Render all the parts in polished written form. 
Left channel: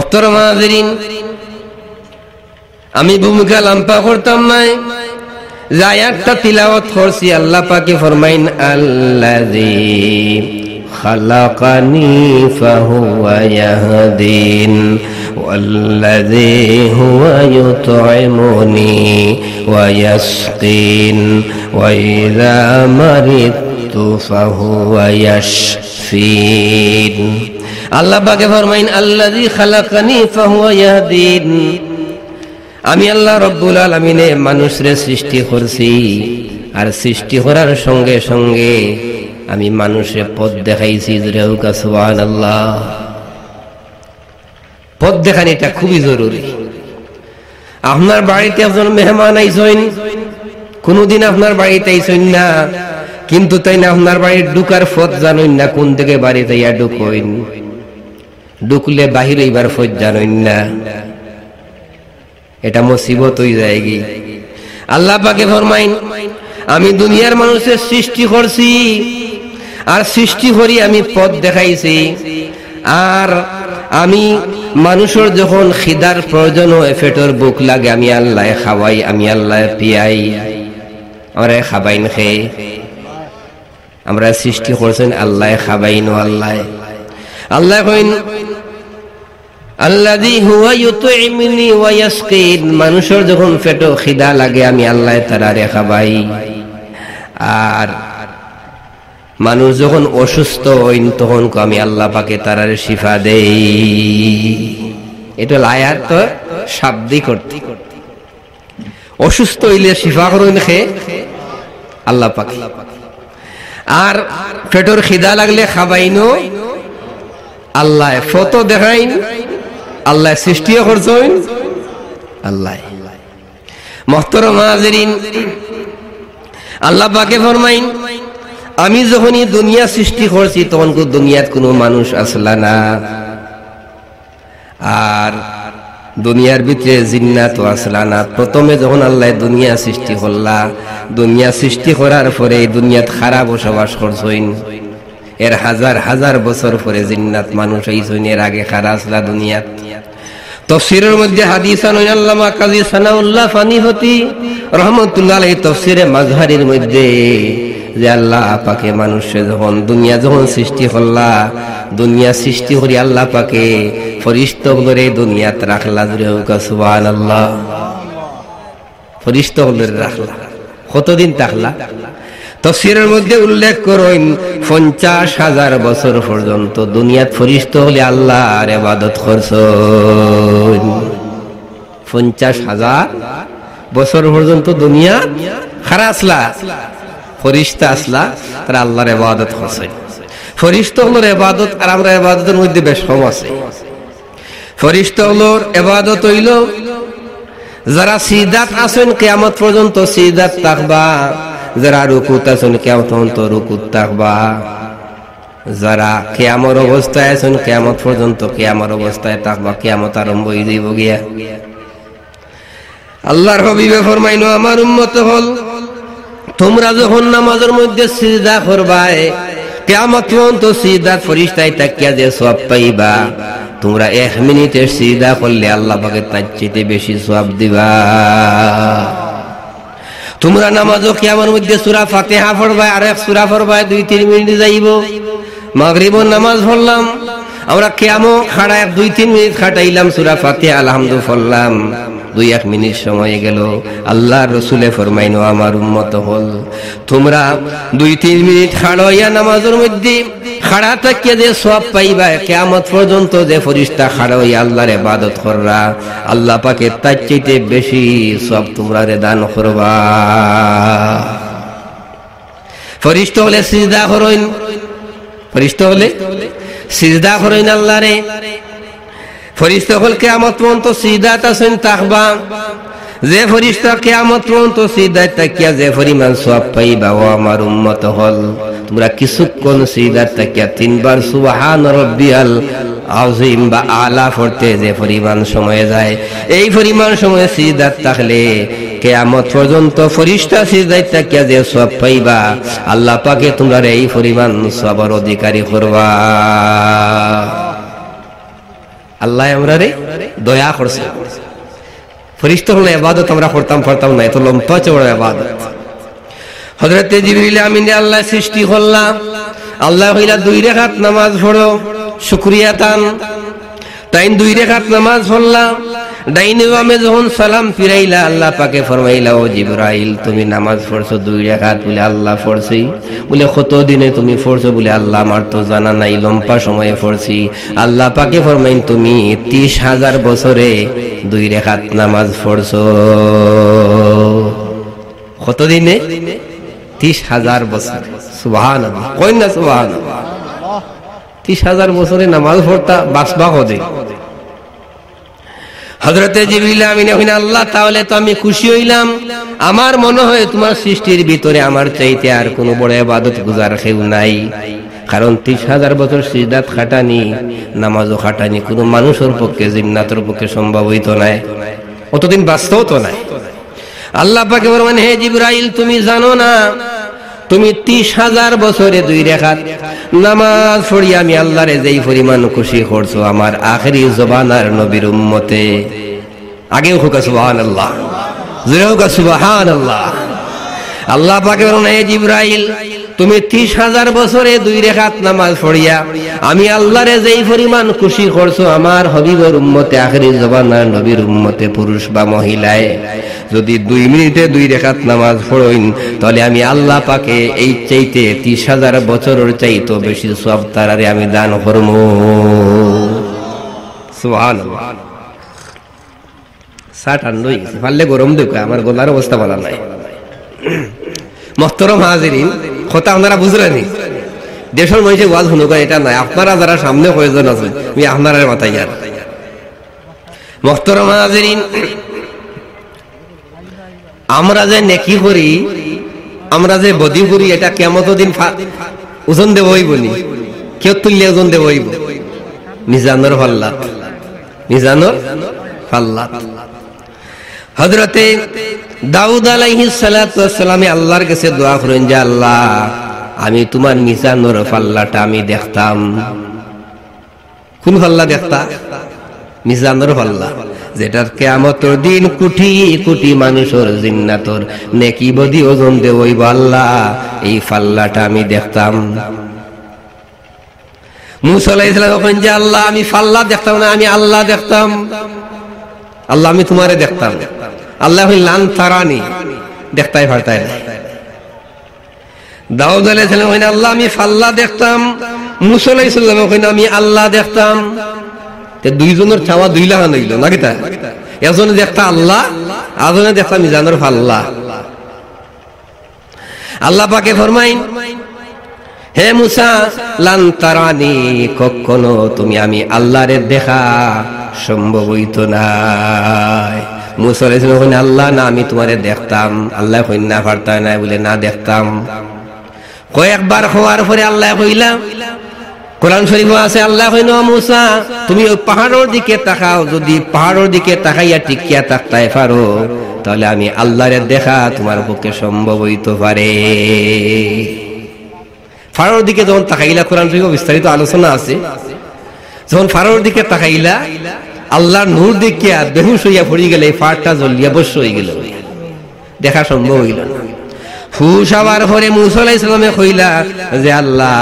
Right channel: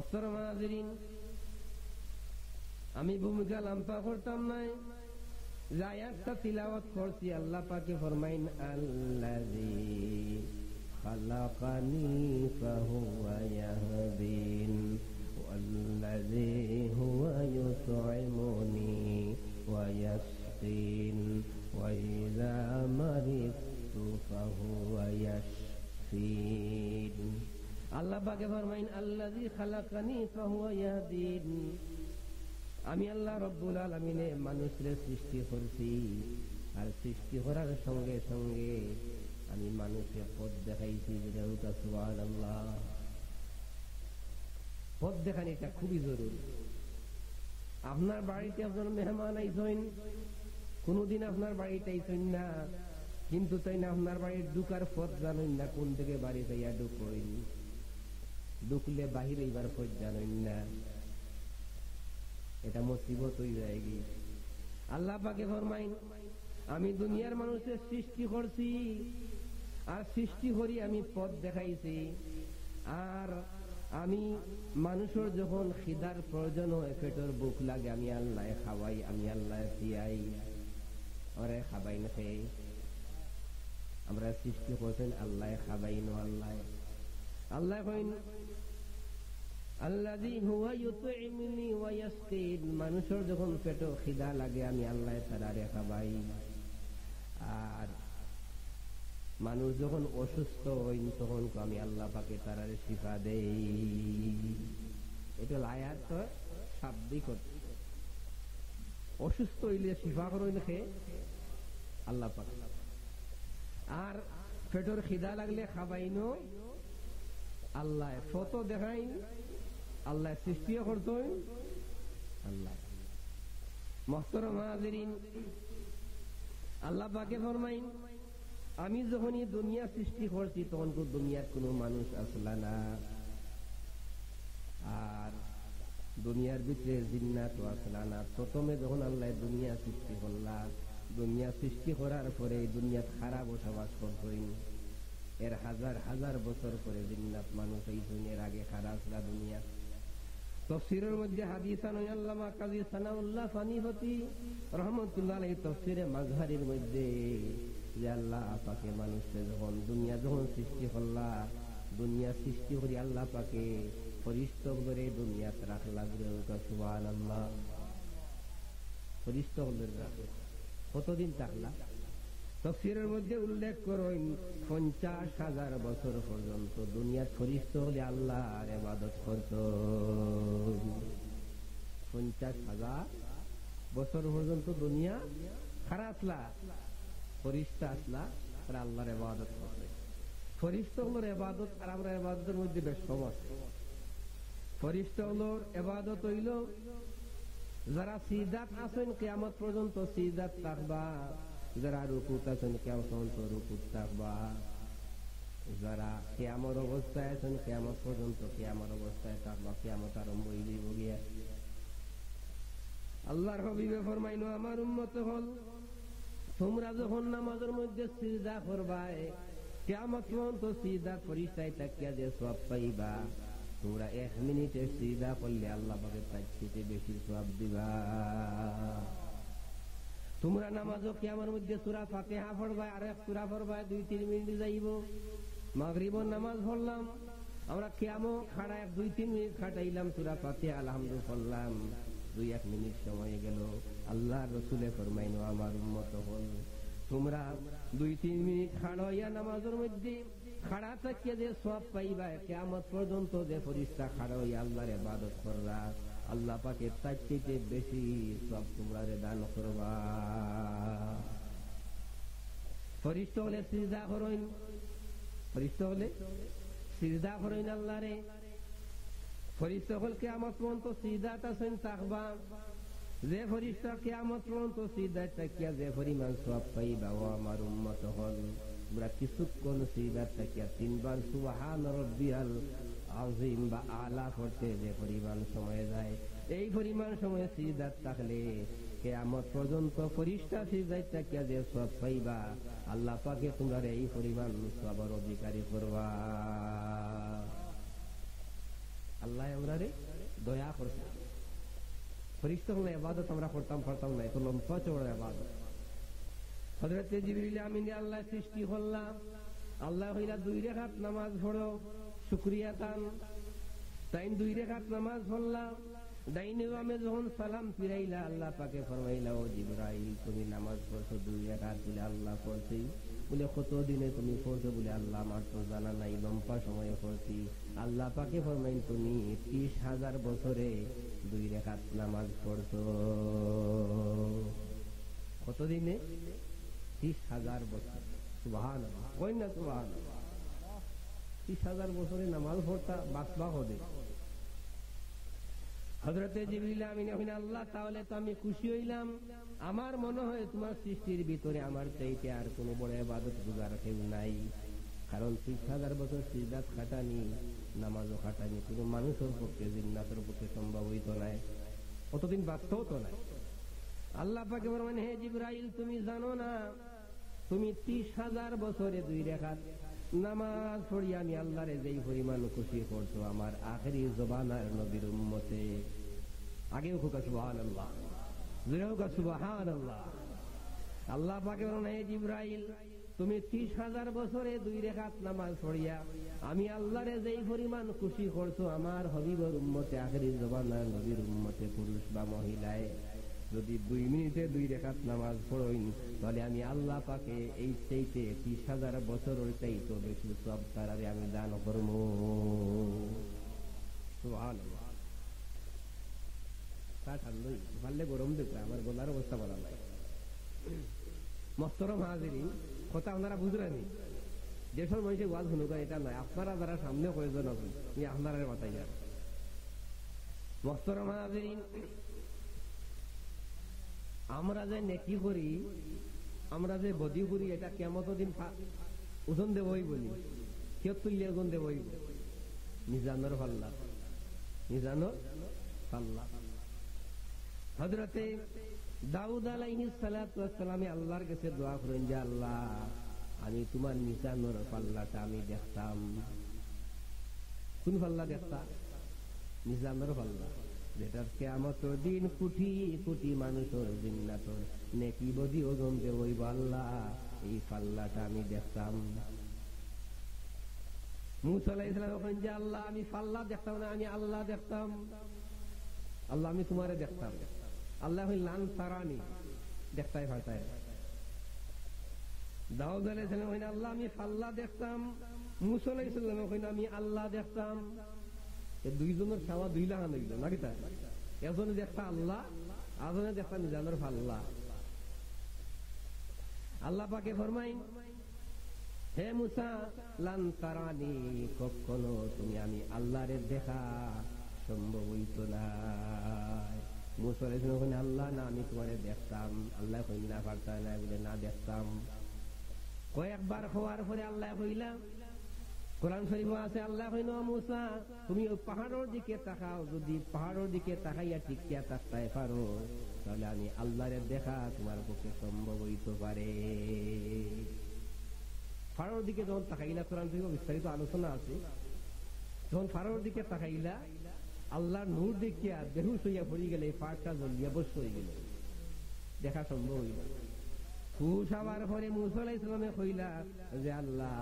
মুহতারাম হাজিরিন, আমি ভূমিকা লম্বা করতাম নাই, যে আয়াতটা তিলাওয়াত করছি আল্লাহ পাকে ফরমাইন আল্লাযী খালাকানি ফাহুয়া ইয়াহদিন ওয়াল্লাযী হুয়া ইউতঈমুনি ওয়া ইয়াসকিন ওয়া ইযা মারিদতু ফাহুয়া ইয়াশফিন। আল্লাহ পাকে ফরমাইন আল্লাযী খালাকানি ফাহুয়া ইয়াহদিন, আমি আল্লাহ রব্বুল আলামিনে মানুষরে সৃষ্টি করছি, আর সৃষ্টি করার সঙ্গে সঙ্গে আমি মানুষে পথ দেখাইছি। সুবহানাল্লাহ। পথ দেখানিটা খুবই জরুরি। আপনার বাড়িতে একজন মেহমান আইসেন, কোনদিন আপনার বাড়িতে আইসেন না, কিন্তু তাই না আপনার বাড়ির ঢুকার পথ জানেন না, কোন থেকে বাড়িতে ইয়া ঢুকইন, ঢুকলে বাহির হইবার পথ জানেন না, এটা মুসিবত হয়ে যায়গি। আল্লাহ পাকে ফরমাইন আমি দুনিয়ার মানুষের সৃষ্টি করছি, আর সৃষ্টি করি আমি পথ দেখাইছি, আর আমি মানুষের যখন খিদার প্রয়োজন হয়, পেটের বুক লাগে, আমি আল্লাহ খাওয়াই, আমি আল্লাহ পিয়াই, আমরা খাবাইন খেয়ে আমরা সৃষ্টি করছেন আল্লাহ খাবাইন। আল্লাহ আল্লাহ কইন আল্লাযী হুয়া ইউতঈমুনি ওয়া ইয়াসকিন, মানুষের যখন পেটে খিদা লাগে আমি আল্লাহ তারারে খাবাই, আর মানুষ যখন অসুস্থ হইন তখন আমি আল্লাহ পাকে তারারে শিফা দেই। এটা আয়াত তো শাব্দিক অর্থ। অসুস্থ হইলে শিফা করেন খে আল্লাহ পাকে, আর পেটের খিদা লাগলে খাবাইনো আল্লাহ, ফটো দেখাইন আল্লাহ, সৃষ্টিও করছেন আল্লাহ। মুহতারাম হাজিরিন, আল্লাহ পাকে ফরমাইন আমি যখনই দুনিয়া সৃষ্টি করছি তখন দুনিয়াত কোনো মানুষ আসলা না, আর দুনিয়ার ভিতরে জিন্নাত আসলা না। প্রথমে যখন আল্লাহ দুনিয়া সৃষ্টি করলা, দুনিয়া সৃষ্টি করার পরে এই দুনিয়াত খারাপ বসবাস করছেন, এর হাজার হাজার বছর পরে জিন্নাত মানুষ হইছেন, এর আগে খারা আসলা দুনিয়াত। তাফসীরের মধ্যে হাদিস আন আল্লামা কাজী সানাউল্লাহ ফানিহতি রাহমাতুল্লাহ আলাইহি তাফসীরে মাজহারির মধ্যে যে আল্লাহ পাকে মানুষে যখন দুনিয়া যখন সৃষ্টি করলা, দুনিয়া সৃষ্টি করি আল্লাহ পাকে ফেরেশতাগুলোরে দুনিয়াত রাখলা। সুবহানাল্লাহ। ফেরেশতাগুলোরে রাখলা, কতদিন থাকলা? তাফসীরের মধ্যে উল্লেখ করেন 50,000 বছর পর্যন্ত দুনিয়াত ফেরেশতা হলে আল্লাহর ইবাদত করছেন। 50,000 বছর পর্যন্ত দুনিয়া খারা আসলা, ফেরেশতা আসলা, তারা আল্লাহর ইবাদত করছেন। ফেরেশতাগুলোর ইবাদত আর আমরা ইবাদতের মধ্যে বেশ কম আছে। ফেরেশতাগুলোর ইবাদত হইল যারা সিজদাত আছেন কিয়ামত পর্যন্ত সিজদাত থাকবা, যারা রুকুত আছেন কিয়ামত পর্যন্ত রুকুত থাকবা, যারা কিয়ামত অবস্থায় আছেন কিয়ামত পর্যন্ত কিয়ামত অবস্থায় থাকবা, কিয়ামত আরম্ভ হয়ে যাইব গিয়া। আল্লাহর হাবিবে ফরমাইনো আমার উম্মত হল তোমরা যখন নামাজের মধ্যে সিজদা করবাই, কিয়ামত পর্যন্ত সিজদাত ফেরেশতায় তাকিয়া যে সওয়াব পাইবা, তোমরা 1 মিনিটের সিজদা করলে আল্লাহ পাকে তার চেয়ে বেশি সওয়াব দিবা। তোমরা নামাজও কিয়ামের মধ্যে সূরা ফাতিহা পড়বা, আর এক সূরা পড়বা 2-3 মিনিট যাইব। মাগরিবের নামাজ পড়লাম আমরা, কিয়ামও খাড়া 2-3 মিনিট খাটাইলাম, সূরা ফাতিহা আলহামদুলিল্লাহ পড়লাম, 2-1 মিনিট সময় গেল। আল্লাহর রাসূলে ফরমাইনো আমার উম্মত হল তোমরা 2-3 মিনিট খাড়াইয়া নামাজের মধ্যে খাড়া থাকিয়া যে সওয়াব পাইবা, কিয়ামত পর্যন্ত যে ফেরেশতা খাড়া হইয়া আল্লাহর ইবাদত কররা, আল্লাহ পাকে তার চাইতে বেশি সওয়াব তোমরা দান করবা। ফেরেশতা হলে সিজদা করেন, ফেরেশতা হলে সিজদা করেন আল্লাহরে। ফেরেশতা হল কিয়ামত পর্যন্ত সিজদাত আছেন তাকবা, যে ফেরেশতা কিয়ামত পর্যন্ত সিজদাত তাকিয়া যে পরিমাণ সওয়াব পাইবা, ও আমার উম্মত হল তোমরা কিছুক্ষণ সিজদাত তাকিয়া 3 বার সুবহান রাব্বিয়াল আযীম বা আলা পড়তে যে পরিমাণ সময় যায়, এই পরিমাণ সময় সিজদাত থাকলে কিয়ামত পর্যন্ত ফেরেশতা সিজদাত তাকিয়া যে সওয়াব পাইবা, আল্লাহ পাকে তোমরা এই পরিমাণ সওয়াবের অধিকারী করবা। আল্লাহ আমরা রে দয়া করছে। ফেরেশতা হলো ইবাদত আমরা করতাম না, এত লম্বা চওড়া ইবাদত। হযরত জিবরিল আমিন আল্লাহ সৃষ্টি করলাম, আল্লাহ হইলা 2 রাকাত নামাজ পড়ো শুকরিয়া তান, তাই 2 রাকাত নামাজ পড়লাম। ডাইনে বামে যখন সালাম ফিরাইলা আল্লাহ পাকে ফরমাইলা, ও জিবরাইল তুমি নামাজ পড়ছো 2 রাকাত? বলে আল্লাহ পড়ছি। বলে কত দিনে তুমি পড়ছো? বলে আল্লাহ আমার তো জানা নাই, লম্বা সময়ে পড়ছি। আল্লাহ পাকে ফরমাইন তুমি 30,000 বছরে 2 রাকাত নামাজ পড়ছো। কত দিনে? 30,000 বছর। সুবহানাল্লাহ, কই না সুবহানাল্লাহ। 30,000 বছরে নামাজ পড়তা বাসবা হদে। হযরতে জিবরিল আমিন কইনা, আল্লাহ তাহলে তো আমি খুশি হইলাম। আমার মনে হয় তোমার সৃষ্টির ভিতরে আমার চাইতে আর কোনো বড় ইবাদত গুজার কেউ নাই। কারণ 30,000 বছর সিজদাত খাটানি, নামাজও খাটানি কোনো মানুষের পক্ষে, জিন্নাতের পক্ষে সম্ভব হইতো না, অতদিন বাঁচতেও তো নাই। আল্লাহ পাকে বলেন, হে জিবরাইল তুমি জানো না তুমি 30,000 বছরে 2 রাকাত নামাজ পড়ি আমি আল্লাহরে যেই পরিমাণ খুশি করছো আমার আখেরি জবানার নবীর উম্মতে। আগেও হুকা সুবহানাল্লাহ, জোরে হুকা সুবহানাল্লাহ। আল্লাহ পাকে বলেন, হে জিবরাইল তুমি 30,000 বছরে 2 রাকাত নামাজ পড়িয়া আমি আল্লাহরে যেই পরিমাণ খুশি করছো আমার হাবিবের উম্মতে, আখেরি জবানার নবীর উম্মতে, পুরুষ বা মহিলায়, যদি 2 মিনিটে 2 রাকাত নামাজ পড়েন তাহলে আমি আল্লাহ পাকে এই চাইতে 30,000 বছরের চাইতে বেশি সওয়াব তারারে আমি দান করব। সুবহানাল্লাহ। সাটান্নই পারলে গরম দেখো, আমার গলার অবস্থা ভালো নাই। মুহতারাম হাজিরিন, কথা আপনারা বুঝলেনি? দেশের মানুষের ওয়াজ শুনুক এটা নাই, আপনারা যারা সামনে কয়েকজন আছে আমি আপনারা মাথায় আর। মুহতারাম হাজিরিন, আমরা যে নেকি করি, আমরা যে বদি করি, এটা কিয়ামতের দিন ওজন দেব হইব নি? কেউ তুললে ওজন দেব হইব মিজানুর ফাল্লাত, মিজানুর ফাল্লাত। হযরতে দাউদ আলাইহিস সালাতু ওয়াস সালাম আল্লাহর কাছে দোয়া করেন যে আল্লাহ আমি তোমার মিজানুর ফাল্লাটা আমি দেখতাম। কোন ফাল্লা দেখতা? মিজানুর ফাল্লা, যেটার কিয়ামতের দিন কোটি কোটি মানুষের জিন্নাতর নেকি বদি ওজন দেব হইব। আল্লাহ এই ফাল্লাটা আমি দেখতাম। মুসা আলাইহিস সালাম বলেন যে আল্লাহ আমি ফাল্লা দেখতাম না, আমি আল্লাহ দেখতাম। আল্লাহ আমি তোমারে দেখতাম। আল্লাহ লান তারানি, দেখতাই পারতাই না। দাউদ আলাইহিস সালাম বলেন আল্লাহ আমি ফাল্লা দেখতাম। মুসা আলাইহিস সালাম বলেন আমি আল্লাহ দেখতাম। তে দুইজনের চাওয়া 2 লাখ হইল নাকি? তা একজনে দেখতা আল্লাহ, আরেকজনে দেখতা মিজানুর ফাল্লা। আল্লাহ পাকে ফরমাইন, হে মুসা লান তারানি, কখনো তুমি আমি আল্লাহরে দেখা সম্ভব হইতো না। মুসা আলাইহিস সালাম কইলেন আল্লাহ না আমি তোমারে দেখতাম। আল্লাহ কইন না পারতা না, বলে না দেখতাম। কয়েকবার হওয়ার পরে আল্লাহ কইলা, কোরআন শরীফে আছে আল্লাহ কইন মুসা তুমি ওই পাহাড়ের দিকে তাকাও, যদি পাহাড়ের দিকে তাকাইয়া টিকিয়া তাকতাই পারো তাহলে আমি আল্লাহরে দেখা তোমার পক্ষে সম্ভব হইতে পারে। পাহাড়ের দিকে যখন তাকাইলা, কোরআন শরীফে বিস্তারিত আলোচনা আছে, যখন পাহাড়ের দিকে তাকাইলা আল্লাহর নূর দেখিয়া বেহুশ হইয়া পড়ে গেলে পাহাড়টা জ্বলিয়া বস্য হয়ে গেল, দেখা সম্ভব হইল না। হুশ হওয়ার পরে মুসা আলাইহিস সালামে কইলা যে আল্লাহ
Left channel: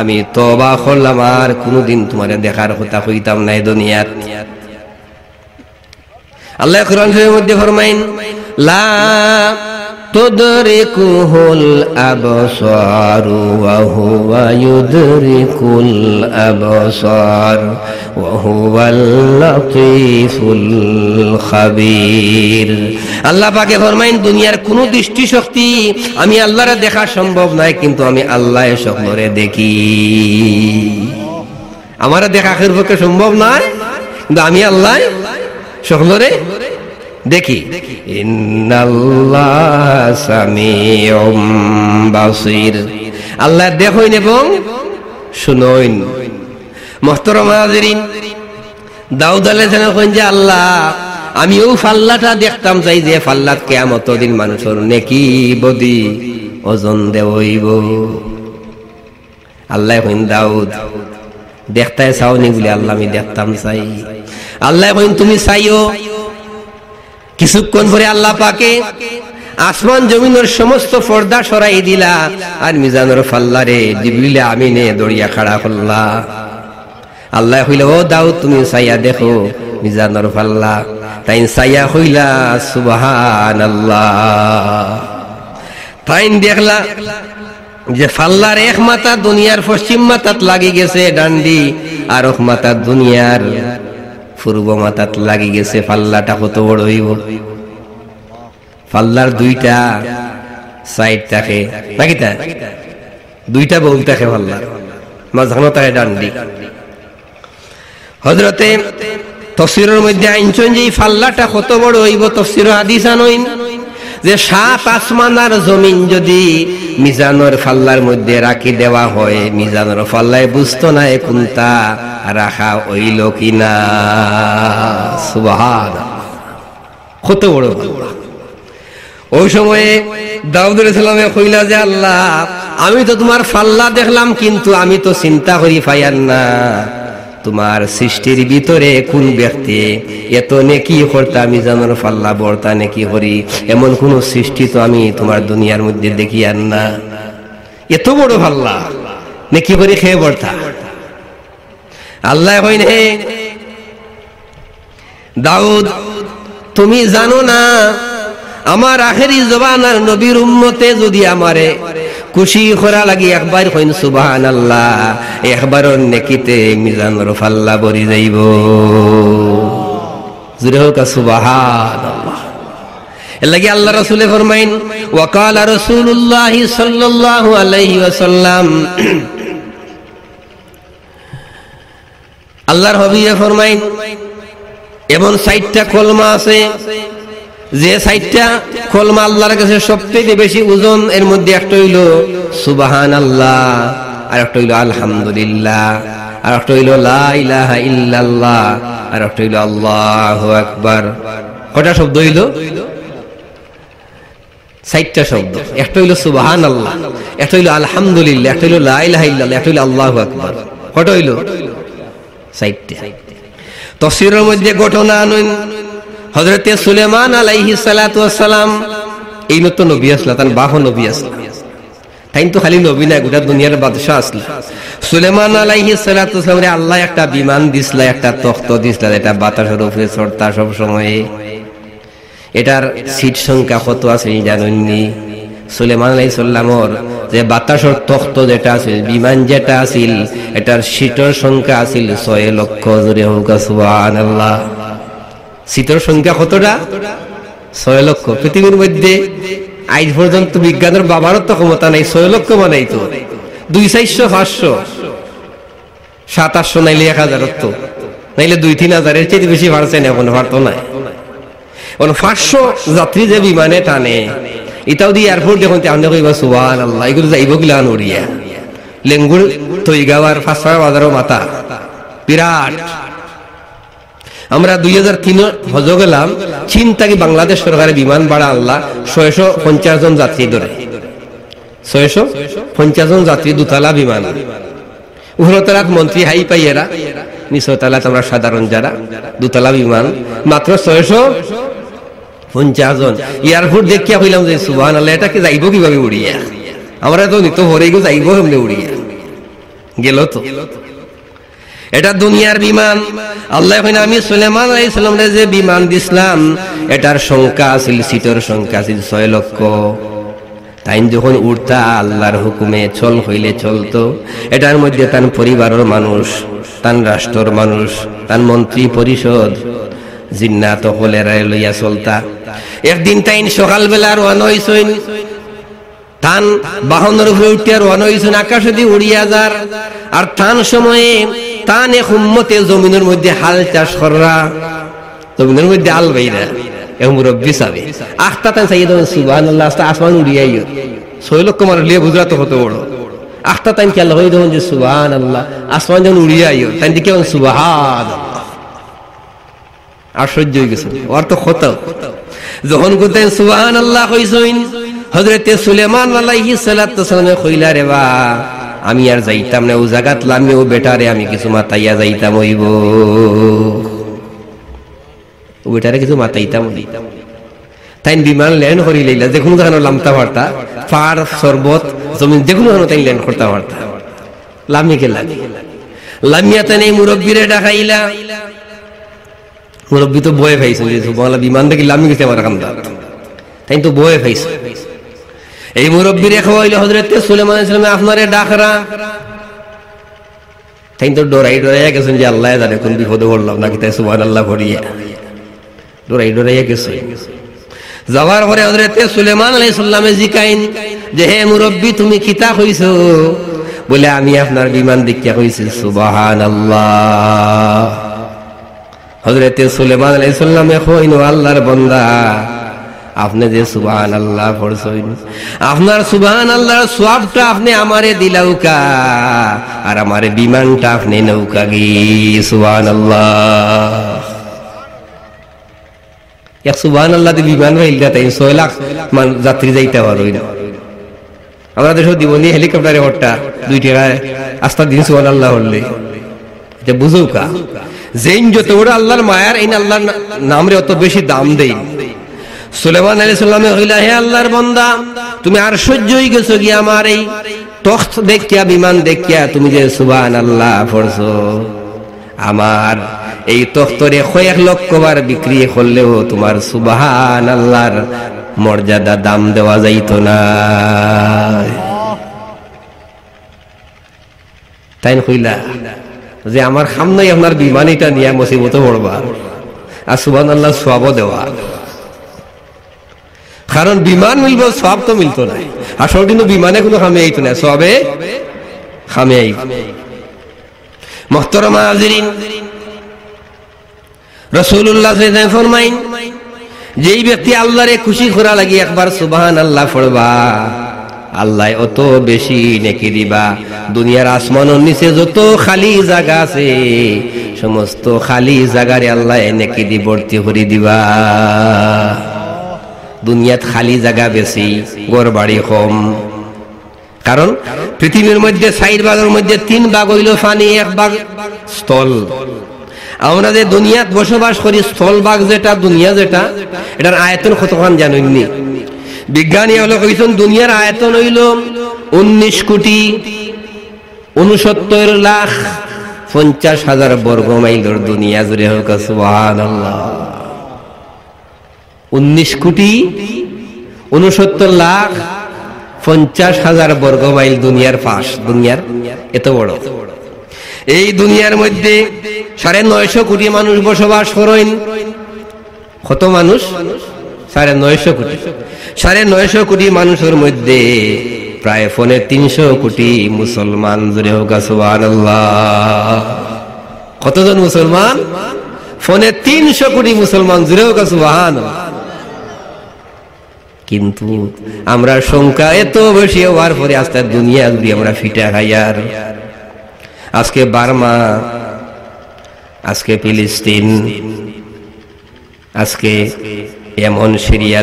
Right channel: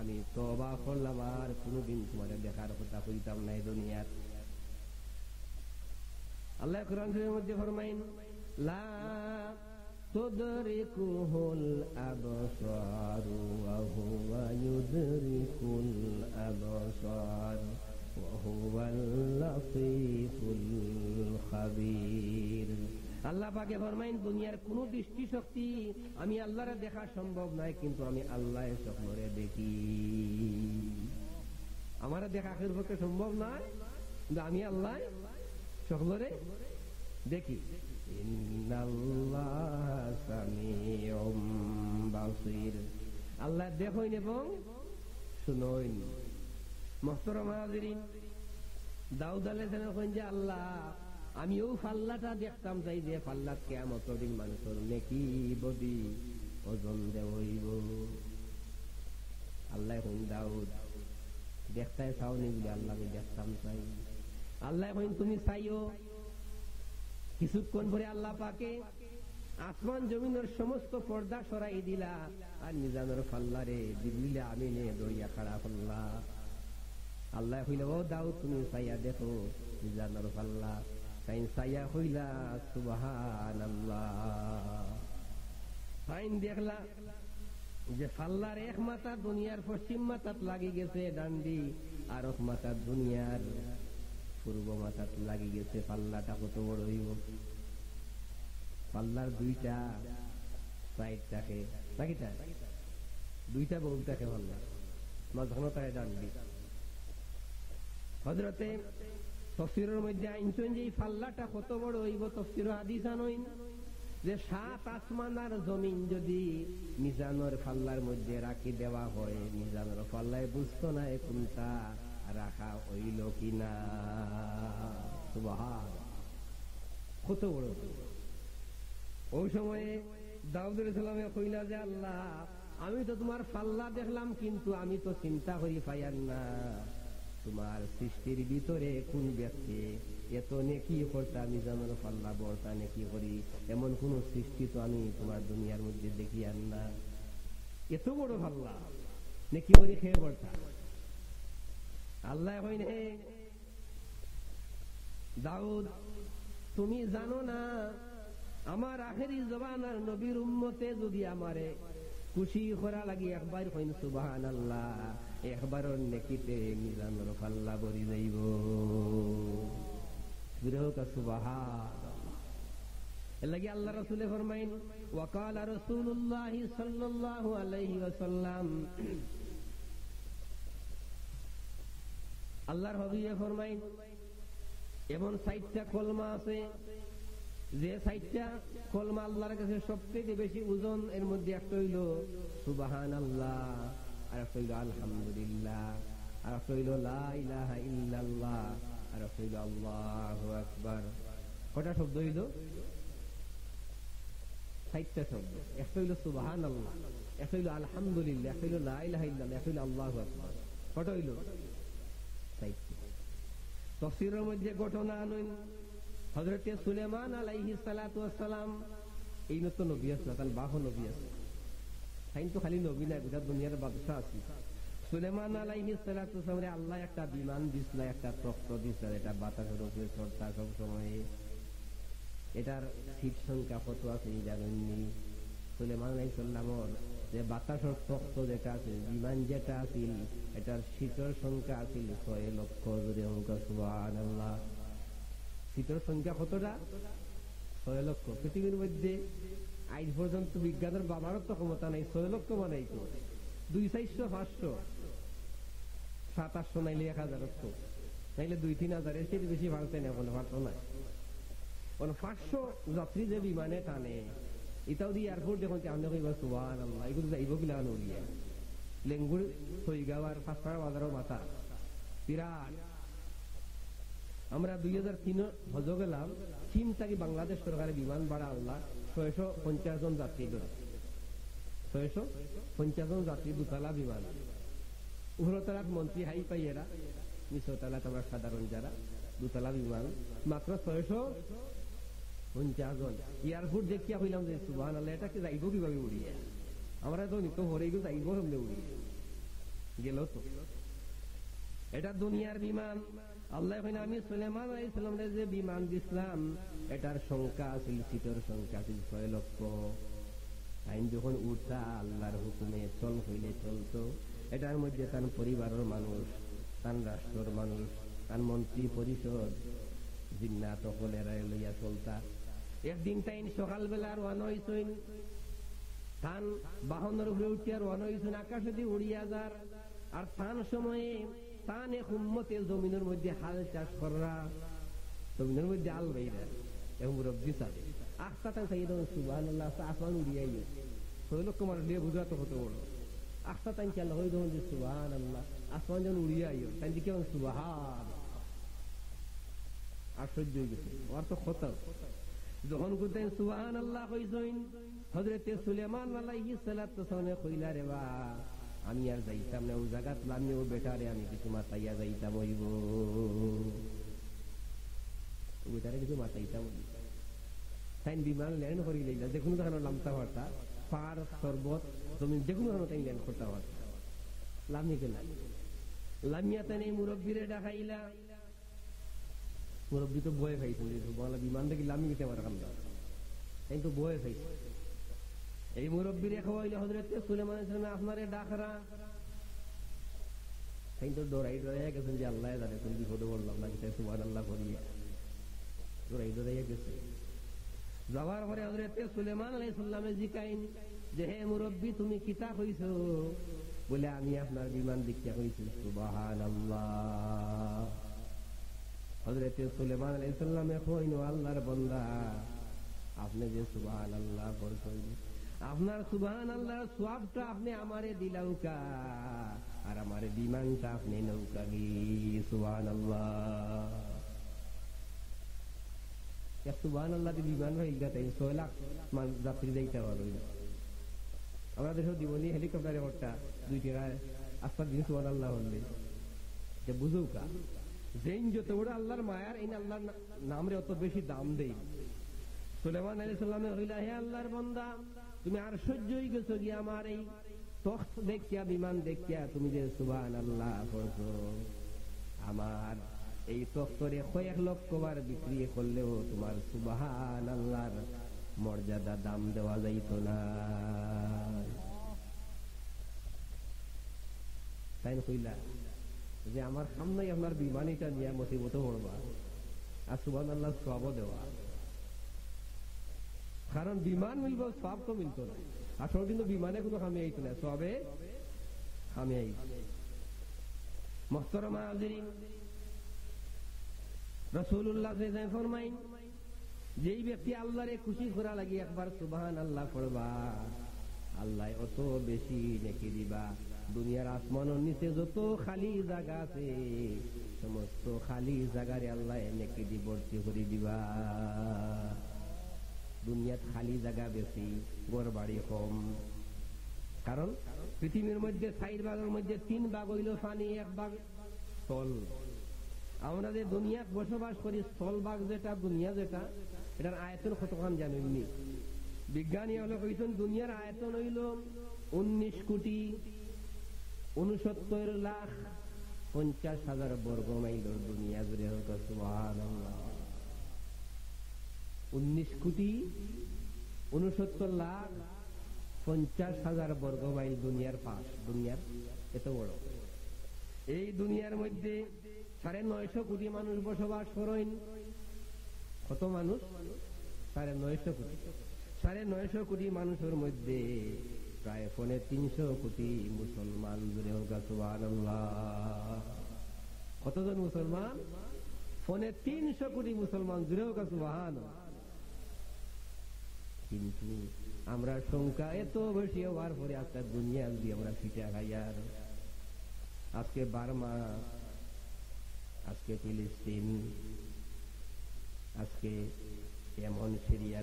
আমি তওবা করলাম, আর কোনদিন তোমারে দেখার কথা কইতাম না এই দুনিয়াত। আল্লাহ কোরআন শরীফের মধ্যে ফরমাইন লা তুদরিকুহুল আবসারু ওয়া হুয়া ইউদরিকুল আবসার ওয়া হুয়াল লাতীফুল খাবীর। আল্লাহ পাকে ফরমাইন দুনিয়ার কোন দৃষ্টি শক্তি আমি আল্লাহরে দেখা সম্ভব নয়, কিন্তু আমি আল্লাহ সকলরে দেখি। আমারে দেখা আখের পক্ষে সম্ভব নয়, কিন্তু আমি আল্লাহ সকলরে দেখি। ইন্নাল্লাহ সামিউম বাসীর, আল্লাহ দেখেন এবং শুনেন। মুহতারাম হাজিরিন, দাউদ আলাইহিস সালাম কইন যে আল্লাহ আমি ওই ফাল্লাটা দেখতাম চাই যে ফাল্লাত কিয়ামতের দিন মানুষের নেকি বদি ওজন দেব হইব। আল্লাহ কইন দাউদ দেখতে চাওনি বলে আল্লাহ আমি দেখতাম চাই। আল্লাহ কইন তুমি চাইও। কিছুক্ষণ পরে আল্লাহ পাকে আসমান জমিনের সমস্ত পর্দা সরাই দিলা, আর মিজানের ফাল্লারে জিবরিল আমিনে দড়িয়া খাড়া করলা। আল্লাহ কইলা ও দাউদ তুমি চাইয়া দেখো মিজানের ফাল্লা। তাই চাইয়া কইলা সুবহানাল্লাহ। তাই দেখলা যে ফাল্লার এক মাথা দুনিয়ার পশ্চিম মাথাত লাগি গেছে ডান্ডি, আর এক মাথা দুনিয়ার পূর্ব মাথাত লাগি গেছে। ফাল্লাটা কত বড় হইব? ফাল্লার দুইটা সাইড থাকে নাকি? তা দুইটা বউল থাকে ফাল্লার, মাঝখানে থাকে ডান্ডি। হযরতে তাফসীরের মধ্যে আইনছেন যে ফাল্লাটা কত বড় হইব, তাফসীর হাদিস আনইন যে 7 আসমান আর জমিন যদি মিজানের ফাল্লার মধ্যে রাখি দেওয়া হয়, মিজানের ফাল্লায় বুঝতো না কোনটা রাখা হইল কিনা। সুবহানাল্লাহ, কত বড় ফাল্লা। ওই সময়ে দাউদ আলাইহিস সালামে কইলা যে আল্লাহ আমি তো তোমার ফাল্লা দেখলাম, কিন্তু আমি তো চিন্তা করি পাইয়ার না তোমার সৃষ্টির ভিতরে কোন ব্যক্তি এত নেকি করতে আমি জানোর ফাল্লা বর্তা নেকি করি, এমন কোন সৃষ্টি তো আমি তোমার দুনিয়ার মধ্যে দেখি আর না। এত বড় ফাল্লা নেকি করি খেয়ে বর্তা। আল্লাহ কইন হে দাউদ তুমি জানো না আমার আখেরি জবানার নবীর উম্মতে যদি আমারে খুশি করা লাগি একবার কইন সুবহানাল্লাহ, একবারও নেকিতে মিজানের ফাল্লা ভরি যাইব। জোরে হোক সুবহানাল্লাহ। এর লাগি আল্লাহ রাসূলে ফরমাইন ওয়াকালা রাসূলুল্লাহ সাল্লাল্লাহু আলাইহি ওয়াসাল্লাম, আল্লাহর হাবিব ফরমাইন এমন 60টা কলমা আছে যে 60টা কলমা আল্লাহর কাছে সবচেয়ে বেশি ওজন। এর মধ্যে একটা হইল সুবহানাল্লাহ, আর একটা হইল আলহামদুলিল্লাহ, আর একটা হইল লা ইলাহা ইল্লাল্লাহ, আর একটা হইল আল্লাহু আকবার। কয়টা শব্দ হইল? 60টা শব্দ। একটা হইল সুবহানাল্লাহ, একটা হইল আলহামদুলিল্লাহ, একটা হইল লা ইলাহা ইল্লাল্লাহ, একটা হইল আল্লাহু আকবার। কয়টা হইল? 60টা। তাফসীরের মধ্যে ঘটনা আনুন হযরতে সুলেমান আলাইহিস সালাতু ওয়াস সালাম, এই নতুন নবী আসলা, তার বাপ নবী আসলা, তাই তো খালি নবী না গোটা দুনিয়ার বাদশা আসলা। সুলেমান আলাইহিস সালাতু ওয়াস সালামরে আল্লাহ একটা বিমান দিছলা, একটা তখ্ত দিছলা, এটা বাতাসের উপরে চড়তা সব সময়। এটার সিট সংখ্যা কত আছে জানেননি? সুলেমান আলাইহিস সালামর যে বাতাসের তখ্ত যেটা আছে, বিমান যেটা আছিল, এটার সিটের সংখ্যা আছিল 6 লক্ষ। জোরে হোক সুবহানাল্লাহ। সিটের সংখ্যা কতটা? 6 লক্ষ। পৃথিবীর মধ্যে আজ পর্যন্ত বিজ্ঞানের বাবারও তো ক্ষমতা নাই 6 লক্ষ বানাইতো। 2, 4, 500, 700 নাইলে 1000, তো নাইলে 2-3 হাজারের চেয়ে বেশি বাড়ছে না, এখন পারতো না। 500 যাত্রী যে বিমানে টানে, এটাও দিয়ে এয়ারপোর্ট দেখুন আমরা কইবা সুবহানাল্লাহ, এগুলো যাইব গিলান উড়িয়া। লেঙ্গুর তৈগাওয়ার 500 বাজারও মাথা বিরাট। আমরা 2003 হজ গেলাম, চীন থেকে বাংলাদেশ সরকারের বিমান ভাড়া আল্লাহ 650 জন যাত্রী ধরে, 650 জন যাত্রী, দুতলা বিমান। উপরতলাত মন্ত্রী হাই পাইয়েরা, নিচতলাত আমরা সাধারণ যারা, দুতলা বিমান, মাত্র 650 জন। এয়ারপোর্ট দেখিয়া কইলাম যে সুবহানাল্লাহ, এটাকে যাইব কিভাবে উড়িয়া? আমরা তো নিত ভরে গো যাইব এমনি উড়িয়া গেল। তো এটা দুনিয়ার বিমান। আল্লাহ কইনা আমি সুলেমান আলাইহিস সালামরে যে বিমান দিছিলাম, এটার সংখ্যা আছিল, সিটের সংখ্যা আছিল 6 লক্ষ। তাই যখন উড়তা আল্লাহর হুকুমে চল হইলে চলতো। এটার মধ্যে তার পরিবারের মানুষ, তার রাষ্ট্রের মানুষ, তার মন্ত্রী পরিষদ, জিন্নাত হলেরা লইয়া চলতা। একদিন তাইন সকালবেলা রওনা হইছেন, তান বাহনের উপরে উঠিয়া রওনা হইছেন, আকাশে দিয়ে উড়িয়া যার। আর তান সময়ে তান এক উম্মতে জমিনের মধ্যে হাল চাষ করা, জমিনের মধ্যে আল বাইরা মুরব্বী সাবে আখতা তান সাইয়েদ সুবহানাল্লাহ, আসমান উড়িয়া 6 লক্ষ মানুষ লিয়ে বুঝরা তো কত বড়। আখতা তান কি আল্লাহ হইদ যে সুবহানাল্লাহ, আসমান যখন উড়িয়া তাই দিকে সুবহানাল্লাহ। আশ্চর্য হয়ে গেছে ওর তো কত। যখন কোথায় সুবহানাল্লাহ কইছেন, হযরতে সুলেমান আলাইহিস সালাতু ওয়াস সালামে কইলা রে বা আমি আর যাইতাম না ও জায়গাত লামিও বেটারে আমি কিছু মাতাইয়া যাইতাম হইব ও বেটারে কিছু মাতাইতাম তাই বিমান ল্যান্ড করি লইলা যে কোনো জায়গায় লামতা পারতা পার শরবত জমিন যে কোনো জায়গায় তাই ল্যান্ড করতে পারতা লামি কে লামিয়া তাই মুরব্বীরে ডাকাইলা মুরব্বী তো বয়ে পাইছে বিমান দেখি লামি গেছে আমার কান্দা তাই তো বয়ে পাইছে এই মুরব্বীরে খাওয়াইল হযরত সুলাইমান আলাইহিস সালাম আপনারে ডাকরা তাই তো ডরাইয়া গেছেন যে আল্লাহ জানে কোন বিপদে পড়লাম নাকি তাই সুবহানাল্লাহ পড়িয়া ডরাইয়া গেছে যাওয়ার পরে হযরত সুলাইমান আলাইহিস সালামে জিকাইন যে হে মুরব্বী তুমি কিতা কইছো বলে আমি আপনার বিমান দেখিয়া কইছি সুবহানাল্লাহ হযরত সুলাইমান আলাইহিস সালামে কইনো আল্লাহর বান্দা আপনি যে সুবহানাল্লাহ পড়ছেন আপনার সুবহানাল্লাহর সওয়াবটা আপনি আমারে দিলাউকা আর আমারে বিমানটা আপনি নৌকা গি সুবহানাল্লাহ এক সুবহানাল্লাহ দি বিমান হইলা তাই 6 লাখ যাত্রী যাইতে পারো না আমরা দেশে দিবনি হেলিকপ্টারে হট্টা 2 টাকায় আস্তা দিন সুবহানাল্লাহ হইলে এটা বুঝুকা যেন যত বড় আল্লাহর মায়ার এই আল্লাহর নামরে অত বেশি দাম দেই সুলাইমান আলাইহিস সালামে কইলা হে আল্লাহর বান্দা তুমি আর সহ্য হই গেছো কি আমার এই তখ্ত দেখিয়া বিমান দেখিয়া তুমি যে সুবহানাল্লাহ পড়ছো আমার এই তখ্তরে 1 লক্ষ বার বিক্রি করলেও তোমার সুবহানাল্লাহর মর্যাদা দাম দেওয়া যাইতো না তাই কইলা যে আমার সামনে আপনার বিমান এটা নিয়ে মুসিবতে পড়বা আর সুবহানাল্লাহ সওয়াব দেওয়া কারণ বিমান মিলবে সওয়াব তো মিলতো না আসল কিন্তু বিমানে কোনো খামে আইতো না সওয়াবে খামে আইতো মুহতারাম হাজিরিন রাসূলুল্লাহ সাল্লাল্লাহু আলাইহি ফরমাইন যেই ব্যক্তি আল্লাহরে খুশি করা লাগি একবার সুবহানাল্লাহ পড়বা আল্লাহ অত বেশি নেকি দিবা দুনিয়ার আসমানের নিচে যত খালি জায়গা আছে সমস্ত খালি জায়গারে আল্লাহ নেকি দি ভর্তি করে দিবা দুনিয়াত খালি জায়গা বেশি ঘর বাড়ি কম কারণ পৃথিবীর মধ্যে 4 ভাগের মধ্যে 3 ভাগ হইল পানি 1 ভাগ স্থল আমরা যে দুনিয়াত বসবাস করি স্থল ভাগ যেটা দুনিয়া যেটা এটার আয়তন কতখান জানেননি বিজ্ঞানী হলো কইছেন দুনিয়ার আয়তন হইল 19 কোটি 69 লাখ 50,000 বর্গ মাইলের দুনিয়া জুড়ে হোক সুবহানাল্লাহ 19 কোটি 69 লাখ 50,000 বর্গ মাইল দুনিয়ার পাশ দুনিয়ার এত বড় এই দুনিয়ার মধ্যে 950 কোটি মানুষ বসবাস করেন কত মানুষ 950 কোটি 950 কোটি মানুষের মধ্যে প্রায় 350 কোটি মুসলমান জুড়ে হোক সুবহানাল্লাহ কতজন মুসলমান 350 কোটি মুসলমান জুড়ে হোক সুবহানাল্লাহ কিন্তু আমরা সংখ্যা এত বেশি হওয়ার পরে আস্তে দুনিয়া জুড়ে আমরা ফিটা খাইয়ার আজকে বার্মা আজকে ফিলিস্তিন আজকে এমন সিরিয়া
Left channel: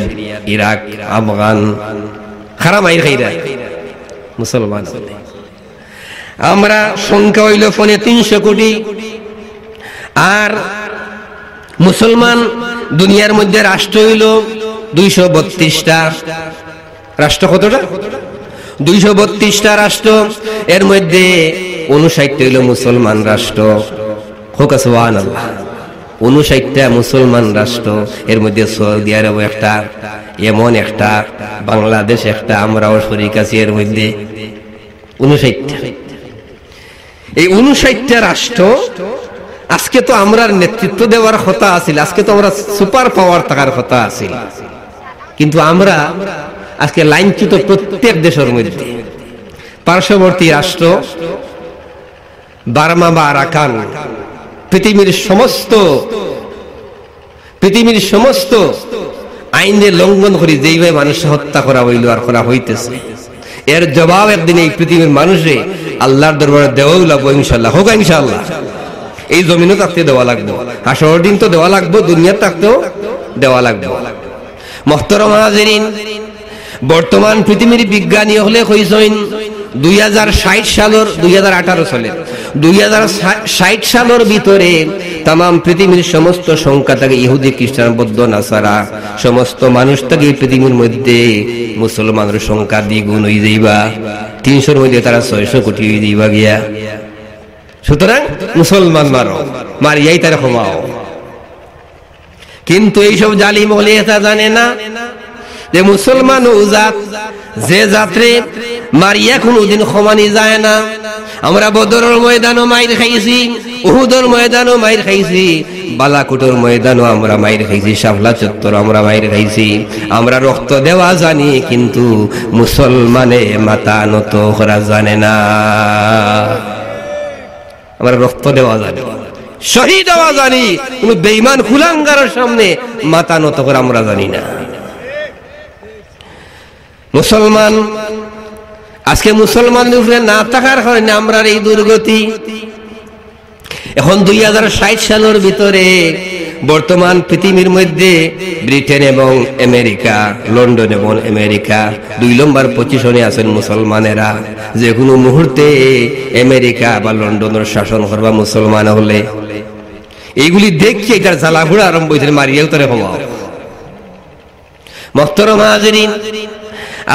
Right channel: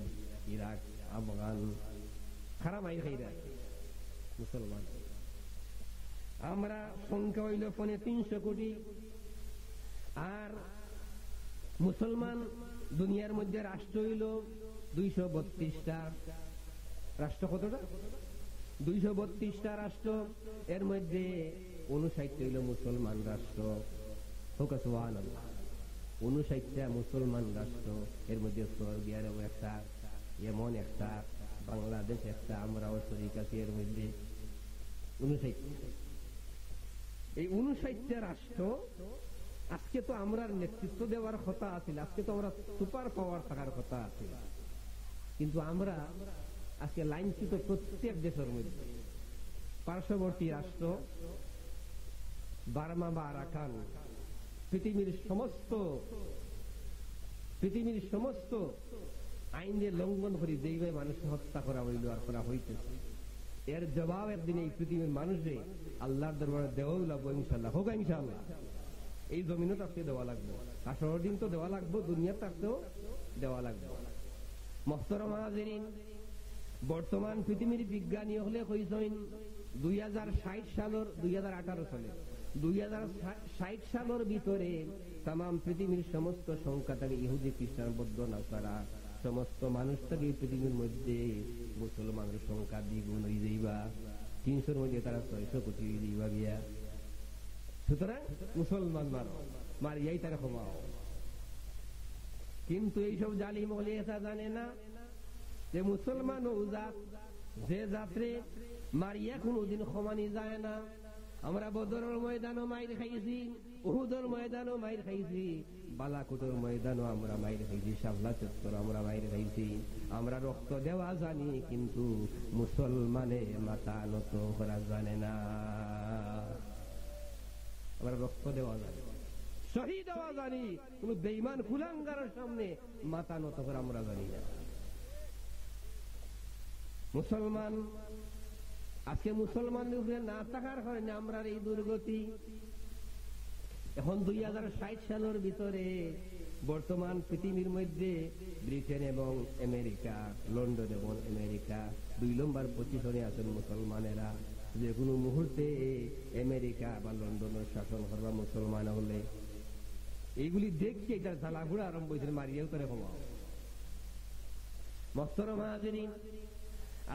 ইরাক আফগান খারাপ আইর খাইরা মুসলমান আমরা সংখ্যা হইল 350 কোটি আর মুসলমান দুনিয়ার মধ্যে রাষ্ট্র হইল 232টা রাষ্ট্র কতটা 232টা রাষ্ট্র এর মধ্যে 59টা হইল মুসলমান রাষ্ট্র হোক সুবহানাল্লাহ 59টা মুসলমান রাষ্ট্র এর মধ্যে সৌদি আরব একটা এমন একটা বাংলাদেশ একটা আমরাও শরীক আছি এর মধ্যে 59টা এই 59টা রাষ্ট্র আজকে তো আমরা নেতৃত্ব দেওয়ার কথা আছিল আজকে তো আমরা সুপার পাওয়ার থাকার কথা আছিল কিন্তু আমরা আজকে লাইনচ্যুত প্রত্যেক দেশের মধ্যে পার্শ্ববর্তী রাষ্ট্র বার্মা বা আরাকান পৃথিবীর সমস্ত আইনের লঙ্ঘন করে যেইভাবে মানুষ হত্যা করা হইল আর করা হইতেছে এর জবাব একদিন এই পৃথিবীর মানুষে আল্লাহর দরবারে দেওয়াও লাগবো ইনশাল্লাহ হোক ইনশাল্লাহ এই জমিনও থাকতে দেওয়া লাগবো হাসরের দিন তো দেওয়া লাগবো দুনিয়ার থাকতেও দেওয়া লাগবো মুহতারাম হাজিরিন বর্তমান পৃথিবীর বিজ্ঞানী হলে কইছেন 2060 সালের 2018 সালের 2060 সালের ভিতরে তাম পৃথিবীর সমস্ত সংখ্যা থেকে ইহুদি খ্রিস্টান বৌদ্ধ নাসারা সমস্ত মানুষ থেকে পৃথিবীর মধ্যে মুসলমানের সংখ্যা দ্বিগুণ হয়ে যাইবা, 300-র মধ্যে তারা 600 কোটি হয়ে যাইবা গিয়া। সুতরাং মুসলমান মারিয়াই তারা ক্ষমাও। কিন্তু এইসব জালিম হলে এটা জানে না যে মুসলমান ও জাত, যে যাত্রে মারিয়া কোনদিন ক্ষমানি যায় না। আমরা বদরের ময়দানও মাইর খাইছি, উহুদের ময়দানও মাইর খাইছি, বালাকোটের ময়দানও আমরা মাইর খাইছি, শাপলা চত্বর আমরা মাইর খাইছি। আমরা রক্ত দেওয়া জানি, কিন্তু মুসলমানে মাথা নত করা জানে না। আমরা রক্ত দেওয়া জানি, শহীদ হওয়া জানি, কোন বেঈমান কুলাঙ্গারের সামনে মাথা নত করে আমরা জানি না। মুসলমান আজকে মুসলমানদের উপরে না থাকার কারণে আমরা এই দুর্গতি। এখন 2060 সালের ভিতরে বর্তমান পৃথিবীর মধ্যে ব্রিটেন এবং আমেরিকা, লন্ডন এবং আমেরিকা 2 নম্বর পজিশনে আছেন মুসলমানেরা। যে কোনো মুহূর্তে আমেরিকা বা লন্ডনের শাসন করবা মুসলমান হলে। এইগুলি দেখি এটার জ্বালাঘোড়া আরম্ভ হয়েছে, মারিয়াও তারে ক্ষমা। মুহতারাম হাজিরিন,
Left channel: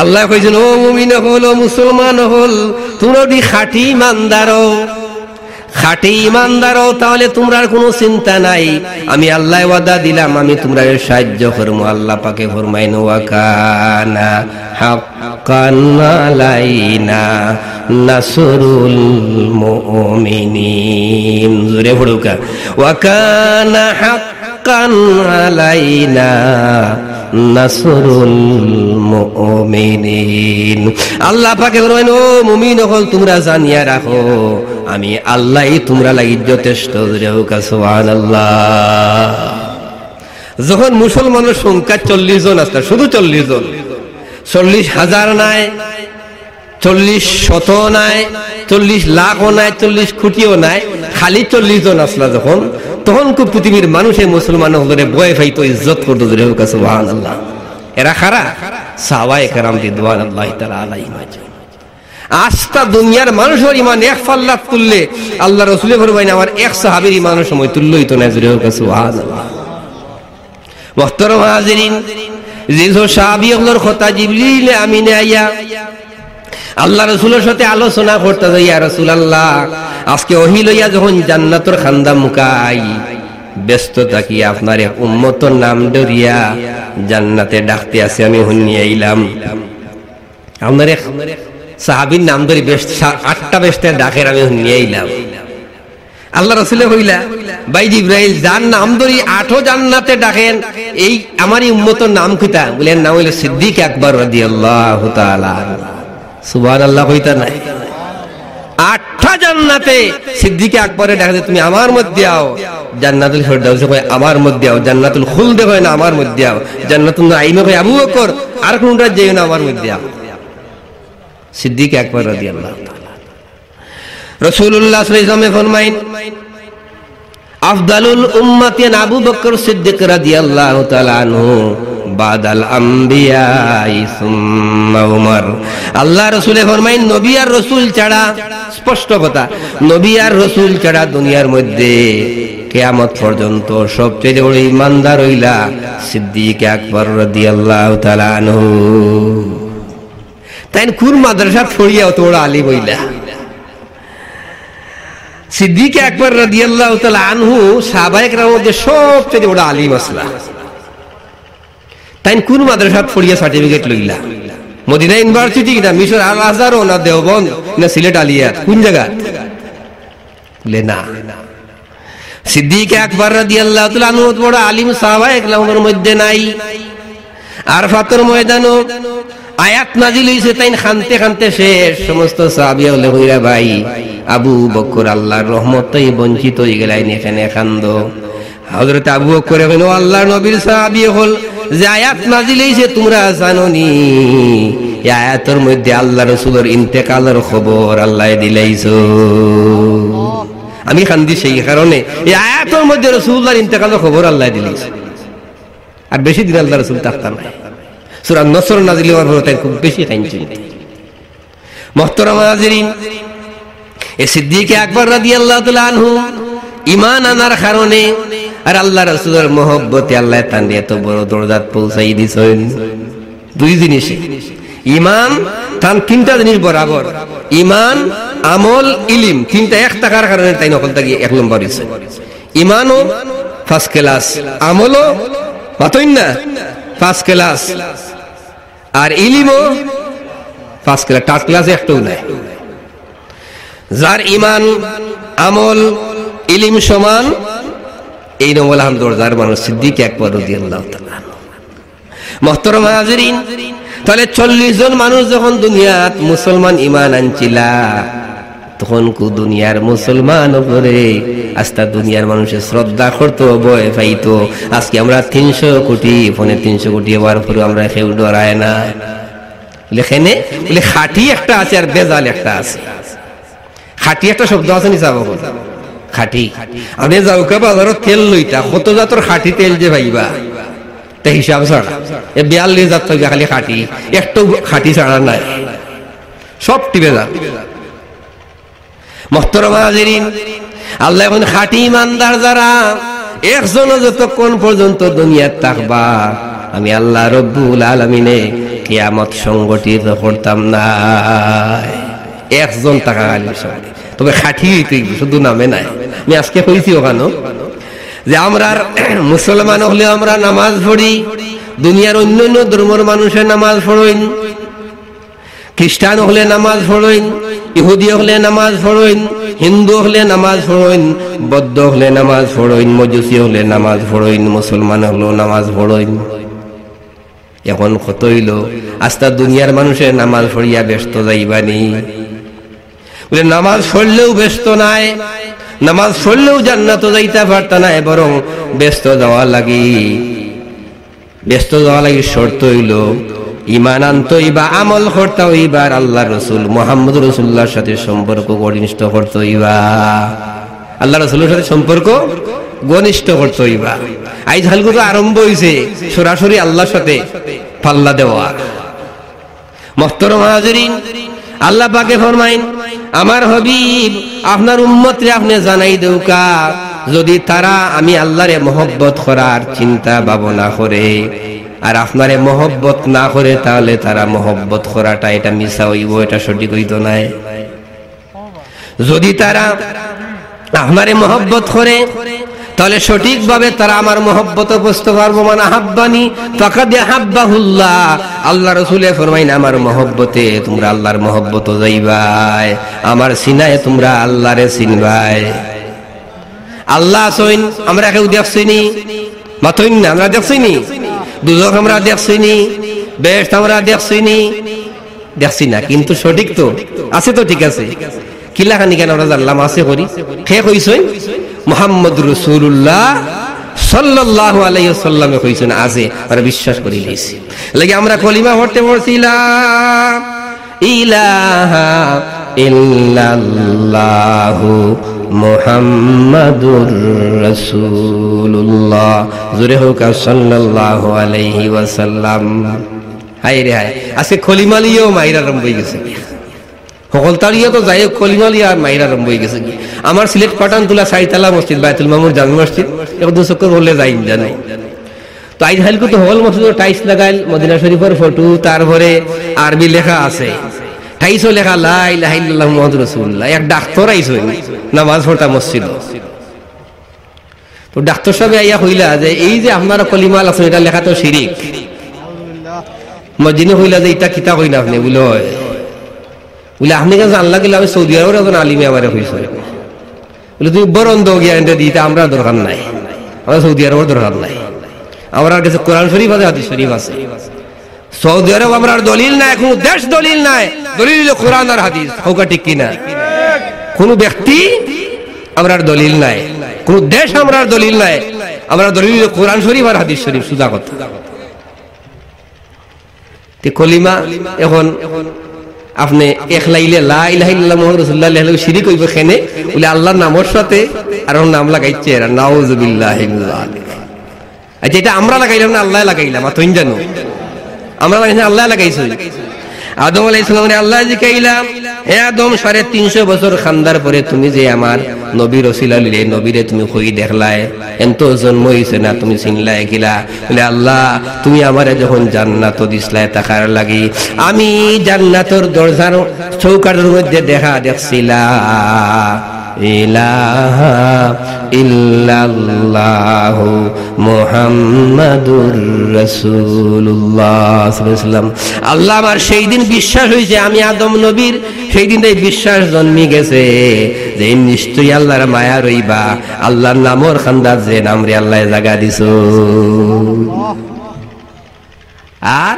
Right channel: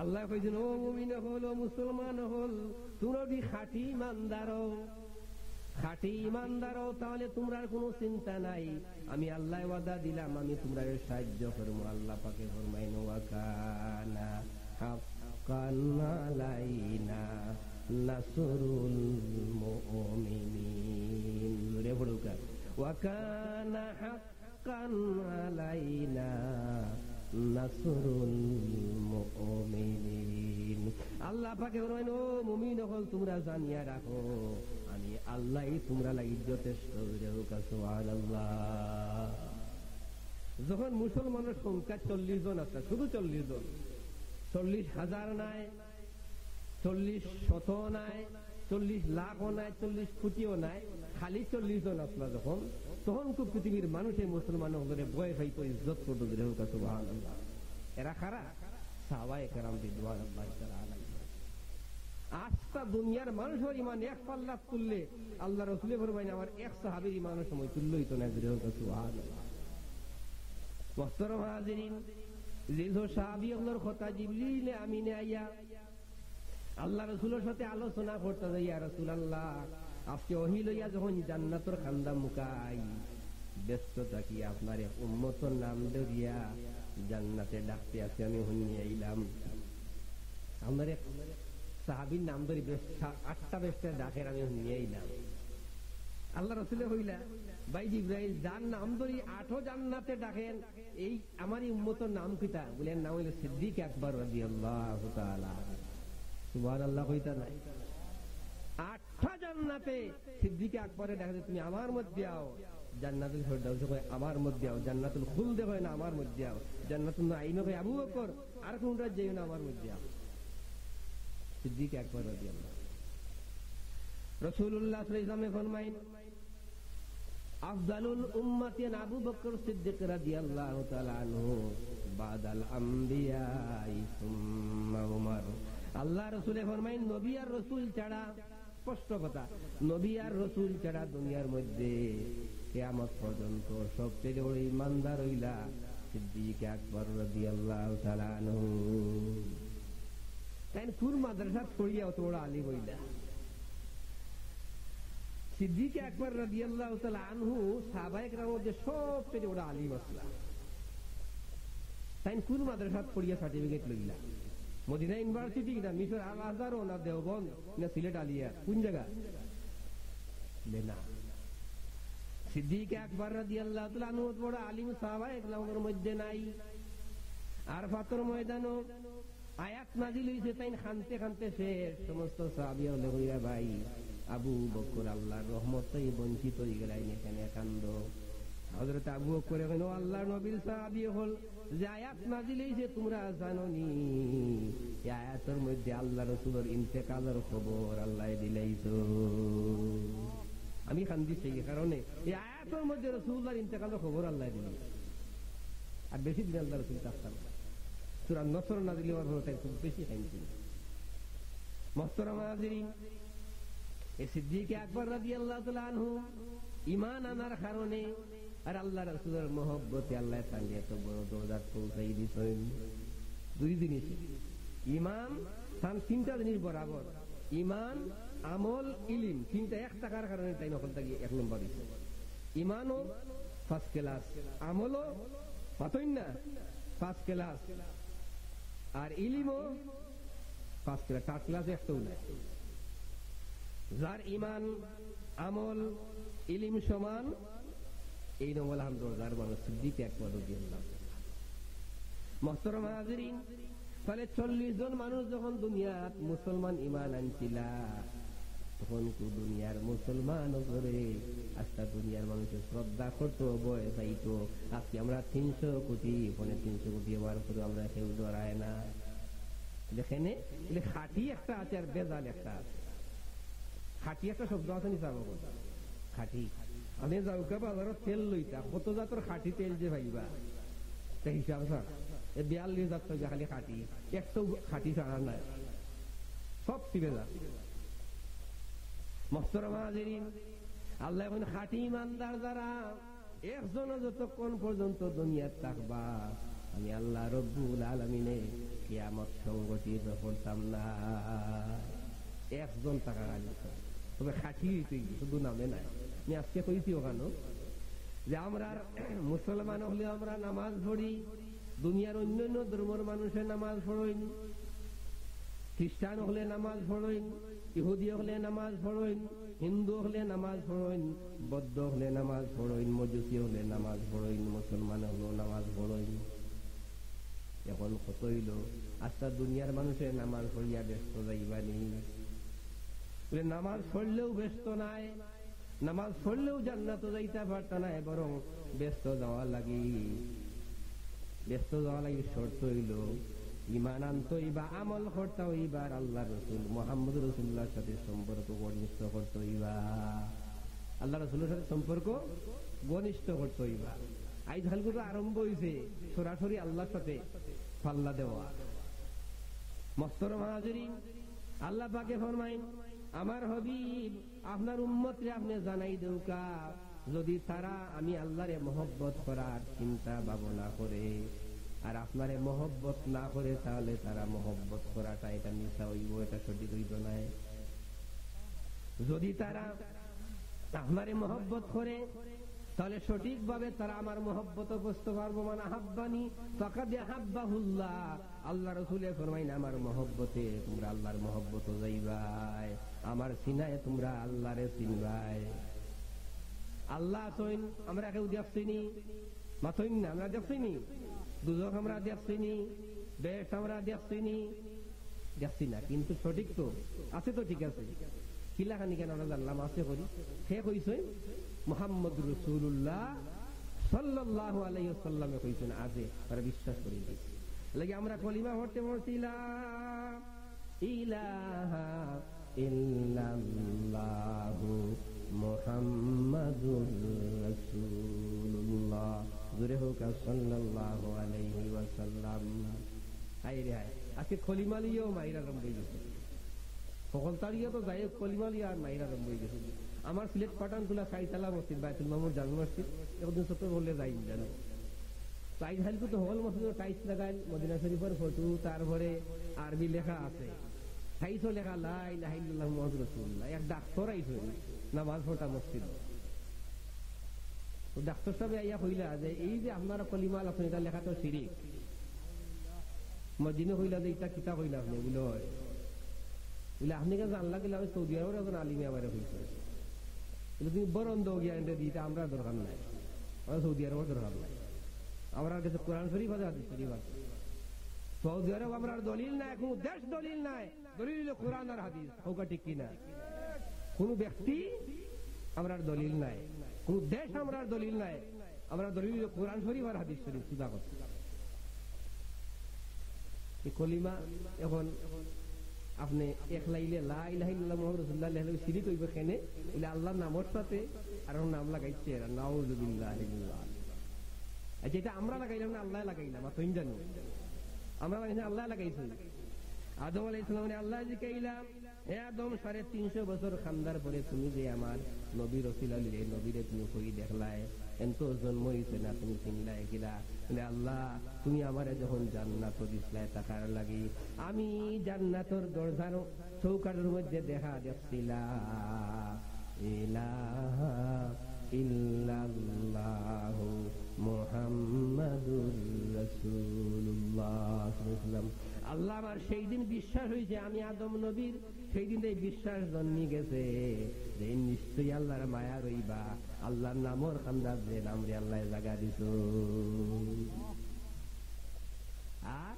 আল্লাহ কইছেন ও মুমিন হল, ও মুসলমান হল, তোমরা যদি খাঁটি ইমানদার হও তাহলে তোমরা কোনো চিন্তা নাই। আমি আল্লাহ ওয়াদা দিলাম, আমি তোমরা সাহায্য করবো। আল্লাহ পাকে ফরমাইন ওয়া কানা হাক্কান আলাইনা নাসরুল মুমিনিন। জোরে পড়ুকা, ওয়া কানা হাক্কান আলাইনা নাসরুল মুমিনিন। আল্লাহ পাকে বলেন ও মুমিন হল, তোমরা জানিয়া রাখো আমি আল্লাহই তোমরা লাগি যথেষ্ট। সুবহানাল্লাহ। যখন মুসলমানের সংখ্যা 40 জন আসলে, শুধু 40 জন, 40,000 নাই, 40 শত নাই, 40 লাখও নাই, 40 কোটিও নাই, খালি 40 জন আসলা যখন, তখন খুব পৃথিবীর মানুষ এই মুসলমান হলে ভয় পাইতো, ইজ্জত করতো। সুবহানাল্লাহ। এরা খারা সাহাবায়ে কেরাম রিদওয়ানুল্লাহি তাআলা আলাইহিম। আজটা দুনিয়ার মানুষের ইমান এক পাল্লা তুললে আল্লাহ রাসূলের ফরমাইন আমার এক সাহাবীর ইমানের সময় তুল্য হইতো না। সুবহানাল্লাহ। মুহতারাম হাজিরিন, যেসব সাহাবীগুলোর কথা জিবরিল আমিনে আইয়া আল্লাহ রাসূলের সাথে আলোচনা করতে যাই, ইয়া রাসূলুল্লাহ আজকে ওহী লইয়া যখন জান্নাতের খান্দা মুকাই ব্যস্ত থাকি, আপনার এক উম্মতের নাম ধরিয়া জান্নাতে ডাকতে আছে, আমি শুনিয়ে আইলাম। আপনার এক সাহাবীর নাম ধরি 8টা বেশতে ডাকের, আমি শুনিয়ে আইলাম। আল্লাহ রাসূলে কইলা, ভাই জিবরাইল যার নাম ধরি 8ও জান্নাতে ডাকেন, এই আমারই উম্মতের নাম কিতা? বলেন নাম হইল সিদ্দিক আকবর রাদিয়াল্লাহু তাআলা। সুবহানাল্লাহ কইতা নাই? 8টা জান্নাতে সিদ্দিক আকবরে ডাকে, তুমি আমার মধ্যে আও। জান্নাতুল ফেরদাউস কয় আমার মধ্যে আও, জান্নাতুল খুলদ কয় না আমার মধ্যে আও, জান্নাতুল নাঈম কয় আবু বকর, আর কোনটা যেও না আমার মধ্যে আও। সিদ্দিক আকবর রাদিয়াল্লাহু তাআলা। রাসূলুল্লাহ সাল্লাল্লাহু আলাইহি ওয়াসাল্লাম ফরমাইন, আফদালুল উম্মতি আবু বকর সিদ্দিক রাদিয়াল্লাহু তাআলা আনহু বাদাল আম্বিয়া সুম্মা উমর। আল্লাহ রাসূলে ফরমাইন, নবী আর রাসূল ছাড়া, স্পষ্ট কথা, নবী আর রাসূল ছাড়া দুনিয়ার মধ্যে কিয়ামত পর্যন্ত সবচেয়ে বড় ইমানদার হইলা সিদ্দিক আকবর রাদিয়াল্লাহু তাআলা আনহু। তাই কোন মাদ্রাসা পড়িয়া অত বড় আলিম হইলা? সিদ্দিক আকবর রাদিয়াল্লাহু তাআলা আনহু সাহাবায়ে কেরামের মধ্যে সবচেয়ে বড় আলিম আসলা। তাই কোন মাদ্রাসা পড়িয়া সার্টিফিকেট লইলা? মদিনা ইউনিভার্সিটি না মিশর আল আজহার না দেওবন্দ না সিলেট আলিয়া, কোন জায়গা? বলে না, সিদ্দিক আকবর রাদিয়াল্লাহু তাআলা আনহু বড় আলিম সাহাবায়ে কেরামের মধ্যে নাই। আরফাতের ময়দানও আয়াত নাজিল হইছে, তাই খানতে খানতে শেষ। সমস্ত সাহাবী হলে কইরা, ভাই আবু বকর আল্লাহর রহমতেই বঞ্চিত হয়ে গেলেন, এখানে কান্দো। হযরত আবু বকর কইলেন, ও আল্লাহর নবীর সাহাবী হল, যে আয়াত নাজিল হইছে তোমরা জানোনি? এই আয়াতের মধ্যে আল্লাহ রাসূলের ইন্তেকালের খবর আল্লাহ দিলাইছো। আমি কান্দি সেই কারণে, এই আয়াতের মধ্যে রাসূলুল্লাহর ইন্তেকালের খবর আল্লাহ দিলাইছে। আর বেশি দিন আল্লাহ রাসূল থাকতেন না। সূরা নসর নাজিল হওয়ার পর তাই খুব বেশি কাঁদছেন। মুহতারাম হাজিরিন, এই সিদ্দিক আকবর রাদিয়াল্লাহু তাআলা আনহু ঈমান আনার কারণে আর আল্লাহ রাসূলের মহব্বতে আল্লাহ তান এত বড় দরজাত পৌঁছাই দিছেন। দুই জিনিস ঈমান তান তিনটা জিনিস বরাবর, ঈমান, আমল, ইলম, তিনটা এক টাকার কারণে তাই নকল থাকি এক নম্বর হইছে। ঈমানও ফার্স্ট ক্লাস, আমলও মাতইন না ফার্স্ট ক্লাস, আর ইলমও ফার্স্ট ক্লাস, থার্ড ক্লাস একটাও নাই। যার ঈমান, আমল, ইলম সমান, এই নমল দরজার মানুষ সিদ্দিক আকবর রাদিয়াল্লাহু তাআলা। মুহতারাম হাজিরিন, তাহলে 40 জন মানুষ যখন দুনিয়াত মুসলমান ঈমান আনছিলা, তখন কো দুনিয়ার মুসলমান উপরে আস্তা দুনিয়ার মানুষের শ্রদ্ধা করতো, ভয় পাইতো। আজকে আমরা 300 কোটি, ফোনে 300 কোটি হওয়ার পরে আমরা কেউ ডরায় না। লেখেনে বলে খাঁটি একটা আছে আর বেজাল একটা আছে। খাঁটি একটা শব্দ আছে নি সাহেব, খাঁটি। আপনি যাওকা বাজারত তেল লইতা, কত জাতর খাঁটি তেল যে ভাইবা তা হিসাব ছাড়া 42 জাত খালি খাঁটি, একটু খাঁটি ছাড়া নাই, সব টিপে যা। মুহতারাম হাজিরিন, আল্লাহ এখন খাঁটি ইমানদার যারা একজনও যতক্ষণ পর্যন্ত দুনিয়াত থাকবা, আমি আল্লাহ রব্বুল আলামিনে কিয়ামত সংগঠিত করতাম না। একজন টাকা সঙ্গে, তবে খাঁটি শুধু নামে নাই। আমি আজকে কইছি ওখানে যে আমরা মুসলমান হলে আমরা নামাজ পড়ি, দুনিয়ার অন্য অন্য ধর্মের মানুষের নামাজ পড়েন, খ্রিস্টান হলে নামাজ পড়েন, ইহুদি হলে নামাজ পড়েন, হিন্দু হলে নামাজ পড়েন, বৌদ্ধ হলে নামাজ পড়েন, মজুসি হলে নামাজ পড়েন, মুসলমান হলেও নামাজ পড়েন। এখন কত হইল আস্তা দুনিয়ার মানুষের নামাজ পড়িয়া ব্যস্ত যাইবানি। বলে নামাজ পড়লেও ব্যস্ত নাই, নামাজ পড়লেও জান্নাত যাইতে পারত না, বরং ব্যস্ত যাওয়া লাগি। ব্যস্ত যাওয়া লাগি শর্ত হইল ঈমান আনতে হইবা, আমল করতে হইবা, আল্লাহ রসুল মুহাম্মদ রাসূলুল্লাহর সাথে সম্পর্ক ঘনিষ্ঠ করতে হইবা, আল্লাহ রাসূলের সাথে সম্পর্ক ঘনিষ্ঠ করতে হইবা। আইজ হালকু তো আরম্ভ হইছে সরাসরি আল্লাহর সাথে পাল্লা দেওয়া। মুহতারাম হাজিরিন, আল্লাহ পাকে ফরমাইন, আমার হাবিব আপনার উম্মতরে আপনি জানাই দেউকা, যদি তারা আমি আল্লাহরে মহব্বত করার চিন্তা ভাবনা করে আর আপনারে মহব্বত না করে, তাহলে তারা মহব্বত করাটা এটা মিছা হইব, এটা সঠিক হইত নাই। যদি তারা আপনারে মহব্বত করে তাহলে সঠিকভাবে তারা আমার মহব্বত বুঝতে পারবো। মান আহাব্বানি ফাকাদ আহাব্বাহুল্লাহ, আল্লাহ রাসূলে ফরমাইন আমার মহব্বতে তোমরা আল্লাহর মহব্বত যাইবাই, আমার সিনায় তোমরা আল্লাহরে চিনবাই। আল্লাহ সইন আমরা কেউ দেখছিনি, মাতইন না আমরা দেখছিনি, দুজক আমরা দেখছিনি, বেহেশত আমরা দেখছিনি, দেখছি না, কিন্তু সঠিক তো আছে, তো ঠিক আছে। কিলাখানি কেন আমরা জানলাম আছে করি, কে কইছেন? মুহাম্মদ রাসূলুল্লাহ সাল্লাল্লাহু আলাইহি ওয়াসাল্লামে কইছেন আছে, আর বিশ্বাস করি লইছি। লাগি আমরা কলিমা পড়তে পড়ছিলাম ইলাহা ইল্লাল্লাহু মুহাম্মাদুর রাসূলুল্লাহ, জোরে হোক সাল্লাল্লাহু আলাইহি ওয়াসাল্লাম। হায় রে হায়, আজকে কলিমা লিয়েও মাইরা আরম্ভ হয়ে গেছে, সকল তারিয়া তো যাই কলিমা লিয়া মাইরা আরম্ভ হয়ে গেছে। আমার সিলেট পাঠানতুলা সাইতালা মসজিদ, বাইতুল মামুর জামি মসজিদ, এখন চক্কর বললে যাই জানাই। তো আইজ হালকু তো হল মসজিদ টাইস লাগাইল, মদিনা শরীফের ফটো, তারপরে আরবি লেখা আছে, টাইসও লেখা লা ইলাহা ইল্লাল্লাহু মুহাম্মাদুর রাসূলুল্লাহ। এক ডাক্তার আইছে নামাজ পড়তা মসজিদ, তো ডাক্তার সাহেব আইয়া কইলা যে এই যে আপনারা কলিমা আছে এটা লেখা তো শিরিক। মসজিদে কইলা যে এটা কিতা কইনা আপনি? বলে বলে আপনি কেন জানলা গেলে আমি সৌদি আরবের একজন আলিমে আমার হয়েছে, বলে তুমি বরন্দ জ্ঞানটা দিতে আমরা দরকার নাই, আমরা সৌদি আরবের দরকার নাই, আমার কাছে কোরআন শরীফ আছে, হাদিস শরীফ আছে। সৌদি আরব আমরা দলিল নাই, কোন দেশ দলিল নাই, দলিল হলো কোরআন আর হাদিস। হোকা ঠিক কিনা? কোন ব্যক্তি আমরা দলিল নাই, কোন দেশ আমরা দলিল নাই, আমরা দলিল হলো কোরআন শরীফ আর হাদিস শরীফ, সুদা কথা। কলিমা এখন আপনি একলাইলে লা ইলাহা ইল্লাল্লাহু মুহাম্মাদুর রাসূলুল্লাহ লেখলে শিরিক হইব কেনে? বলে আল্লাহর নামের সাথে আর ওর নাম লাগাইছে, আর নাউযুবিল্লাহি মিন যালিক। আচ্ছা, এটা আমরা লাগাইলাম না আল্লাহ লাগাইলাম? তুই জানো আমরা লাগাইছি, আল্লাহ লাগাইছে। আদম আলাইহিস সালাম আল্লাহ জিকাইলাম হে আদম 350 বছর খান্দার পরে তুমি যে আমার নবীর ওসিলা লিলে নবীরে তুমি কই দেখলাই এত জন্ম হইছে না তুমি চিনলাই কিলা বলে আল্লাহ তুমি আমারে যখন জান্নাত দিছলাই তাকার লাগি আমি জান্নাতের দরজার চৌকাঠের মধ্যে দেখছিলাম ইলাহা ইল্লাল্লাহু মুহাম্মাদুর রাসূলুল্লাহ সাল্লাল্লাহু আলাইহি ওয়াসাল্লাম। আল্লাহ আমার সেই দিন বিশ্বাস হয়েছে আমি আদম নবীর, সেই দিন এই বিশ্বাস জন্মি গেছে যে নিশ্চয়ই আল্লাহর মায়া রইবা, আল্লাহর নামর খান্দার যে নাম রে আল্লাহ জায়গা দিছো। আর